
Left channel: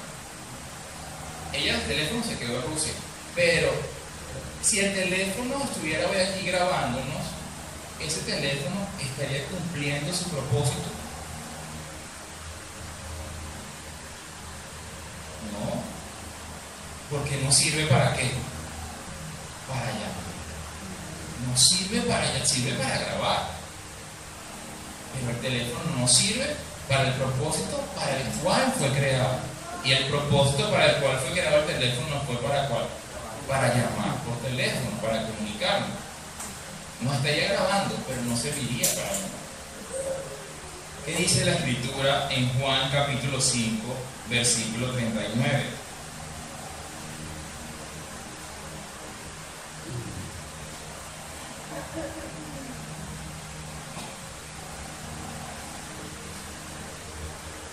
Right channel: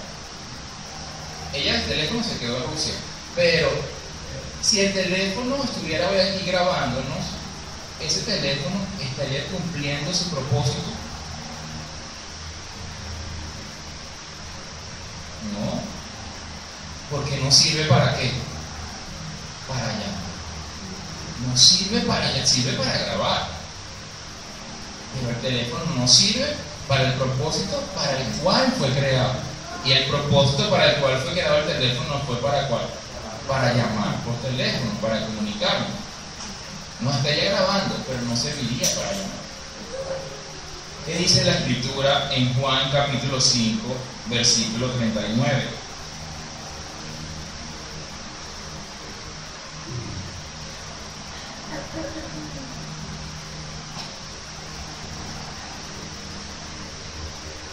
Ella, el teléfono se quedó en Rusia, pero si el teléfono estuviera hoy aquí grabándonos, ese teléfono estaría cumpliendo su propósito. No, porque no sirve para qué, para llamar. No sirve para grabar, pero el teléfono no sirve para el propósito para el cual fue creado. Y el propósito para el cual fue creado el teléfono fue para ¿cuál? Para llamar por teléfono, para comunicarnos. No estaría grabando, pero no serviría para llamar. ¿Qué dice la escritura en Juan capítulo 5, versículo 39?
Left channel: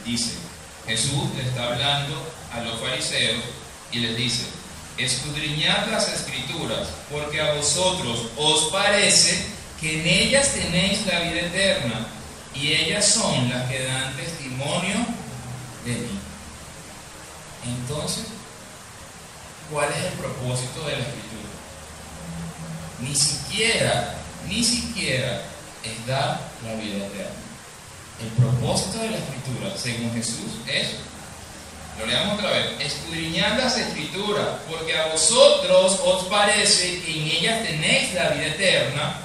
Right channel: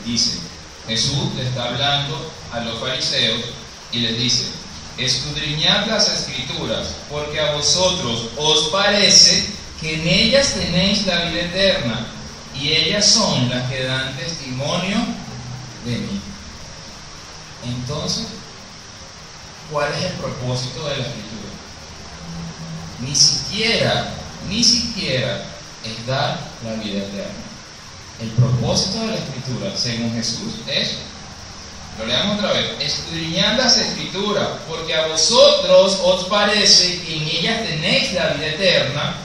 Dice, Jesús le está hablando a los fariseos y les dice: escudriñad las escrituras, porque a vosotros os parece que en ellas tenéis la vida eterna, y ellas son las que dan testimonio de mí. Entonces, ¿cuál es el propósito de la escritura? Ni siquiera es dar la vida eterna. El propósito de la escritura, según Jesús, es, lo leamos otra vez: escudriñad las escrituras, porque a vosotros os parece que en ellas tenéis la vida eterna,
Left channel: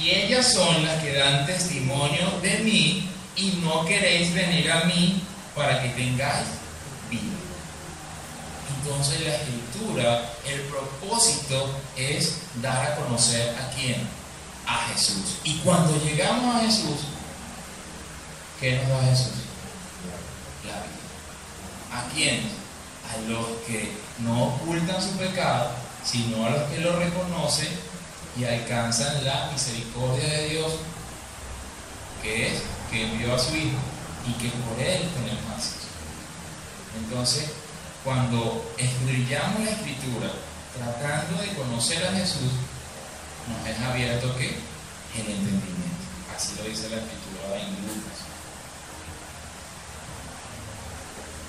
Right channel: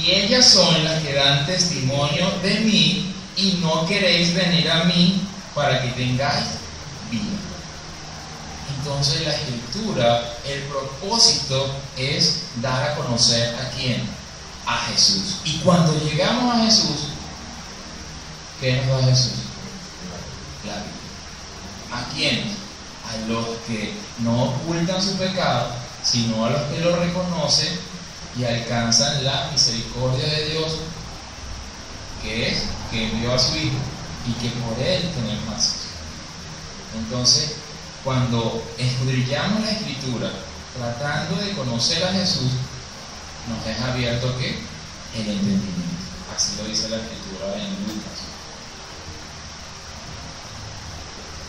y ellas son las que dan testimonio de mí, y no queréis venir a mí para que tengáis vida. Entonces la escritura, el propósito es dar a conocer ¿a quién? A Jesús. Y cuando llegamos a Jesús, ¿qué nos da Jesús? La vida. ¿A quién? A los que no ocultan su pecado, sino a los que lo reconocen y alcanzan la misericordia de Dios, que es que envió a su Hijo y que por Él tenemos más. Entonces, cuando escudriñamos la Escritura tratando de conocer a Jesús, nos es abierto ¿qué? El entendimiento. Así lo dice la Escritura en Lucas.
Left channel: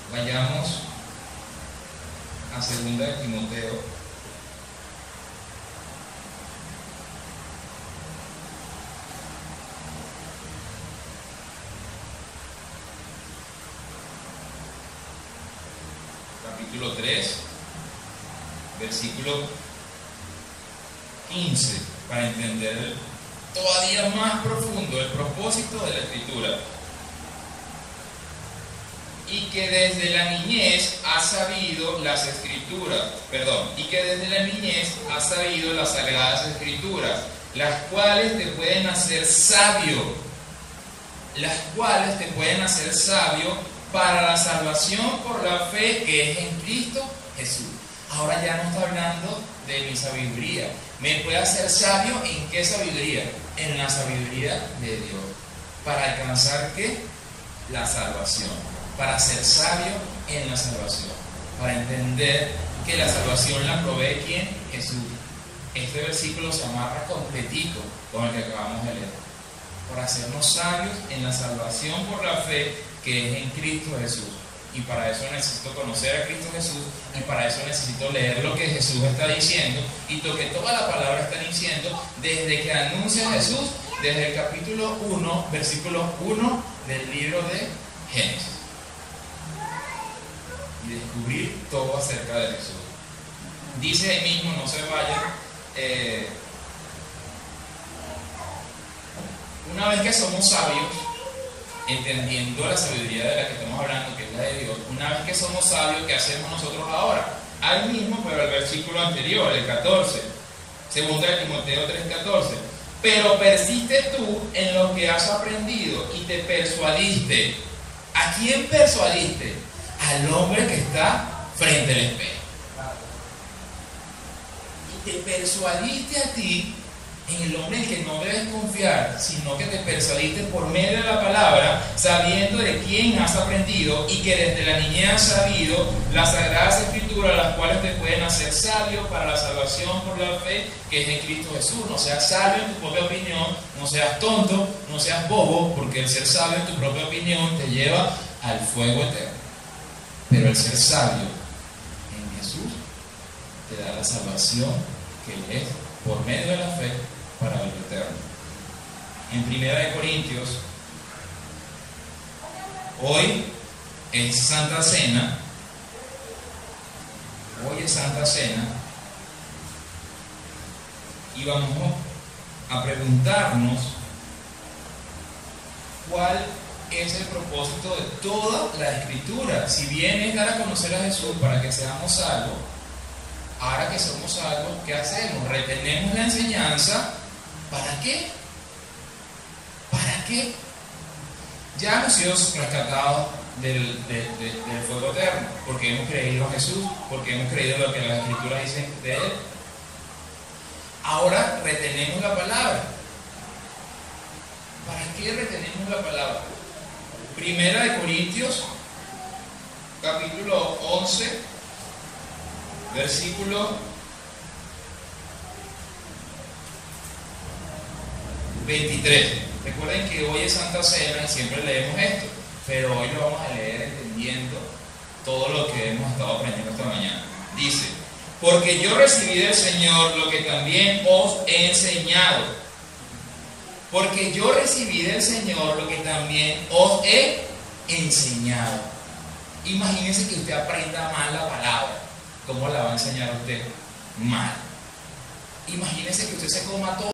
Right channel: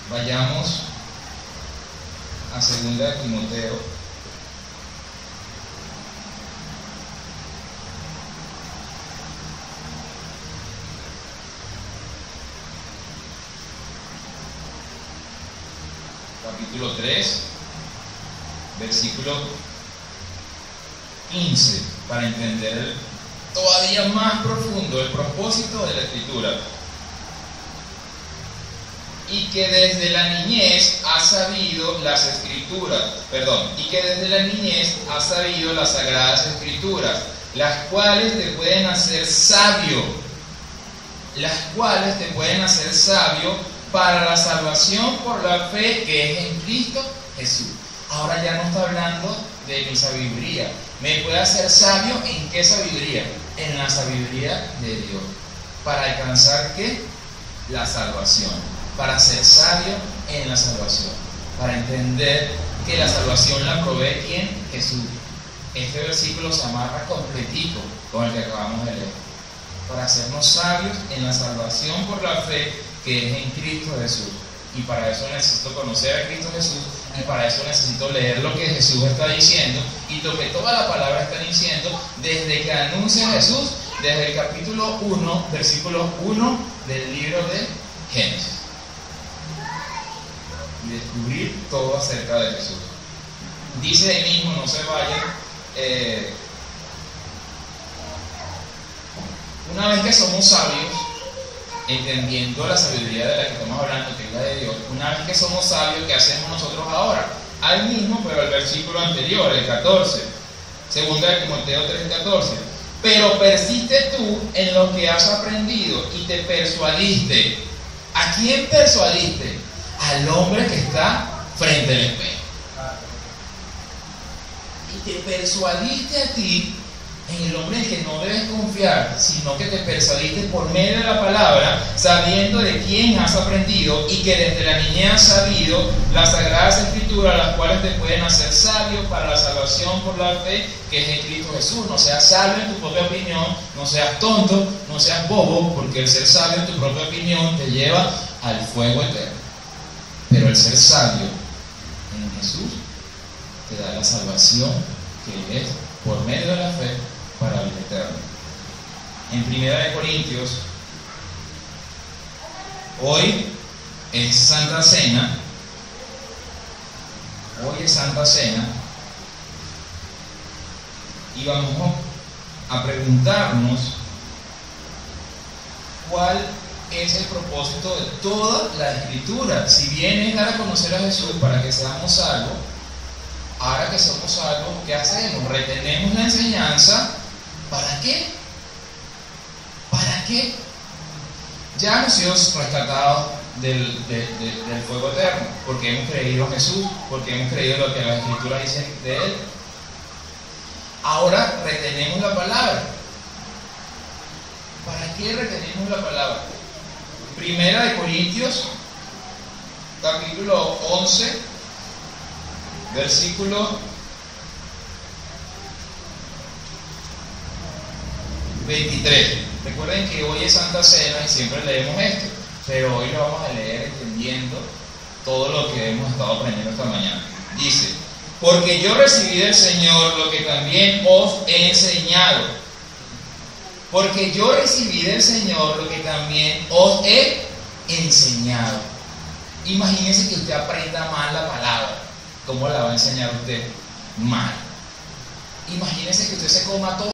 Vayamos a 2 de Timoteo. Capítulo 3, versículo 15, para entender todavía más profundo el propósito de la Escritura. Y que desde la niñez ha sabido las Escrituras, y que desde la niñez ha sabido las Sagradas Escrituras, las cuales te pueden hacer sabio, para la salvación por la fe que es en Cristo Jesús. Ahora ya no está hablando de mi sabiduría. ¿Me puede hacer sabio en qué sabiduría? En la sabiduría de Dios. ¿Para alcanzar qué? La salvación. Para ser sabio en la salvación. Para entender que la salvación la provee ¿quién? Jesús. Este versículo se amarra completito con el que acabamos de leer. Para hacernos sabios en la salvación por la fe que es en Cristo Jesús. Y para eso necesito conocer a Cristo Jesús, y para eso necesito leer lo que Jesús está diciendo y lo que toda la palabra está diciendo desde que anuncia Jesús, desde el capítulo 1, versículo 1 del libro de Génesis, y descubrir todo acerca de Jesús. Dice ahí mismo, no se vayan, una vez que somos sabios, entendiendo la sabiduría de la que estamos hablando, que es la de Dios, una vez que somos sabios, ¿qué hacemos nosotros ahora? Ahí mismo, pero el versículo anterior, el 14, 2 de Timoteo 3:14. Pero persiste tú en lo que has aprendido y te persuadiste. ¿A quién persuadiste? Al hombre que está frente al espejo. Y te persuadiste a ti en el hombre en el que no debes confiar, sino que te persuadiste por medio de la palabra, sabiendo de quién has aprendido y que desde la niñez has sabido las Sagradas Escrituras, las cuales te pueden hacer sabio para la salvación por la fe que es en Cristo Jesús. No seas sabio en tu propia opinión, no seas tonto, no seas bobo, porque el ser sabio en tu propia opinión te lleva al fuego eterno. Pero el ser sabio en Jesús te da la salvación que es por medio de la fe para el eterno. En 1 Corintios, hoy es Santa Cena. Y vamos a preguntarnos cuál es el propósito de toda la Escritura. Si bien es dar a conocer a Jesús para que seamos salvos, ahora que somos salvos, ¿qué hacemos? Retenemos la enseñanza. ¿Para qué? ¿Para qué? Ya hemos sido rescatados del fuego eterno, porque hemos creído a Jesús, porque hemos creído lo que las Escrituras dicen de Él. Ahora retenemos la palabra. ¿Para qué retenemos la palabra? 1 Corintios, capítulo 11, versículo 23. Recuerden que hoy es Santa Cena y siempre leemos esto, pero hoy lo vamos a leer entendiendo todo lo que hemos estado aprendiendo esta mañana. Dice: porque yo recibí del Señor lo que también os he enseñado. Porque yo recibí del Señor lo que también os he enseñado. Imagínense que usted aprenda mal la palabra. ¿Cómo la va a enseñar usted? Mal. Imagínense que usted se coma todo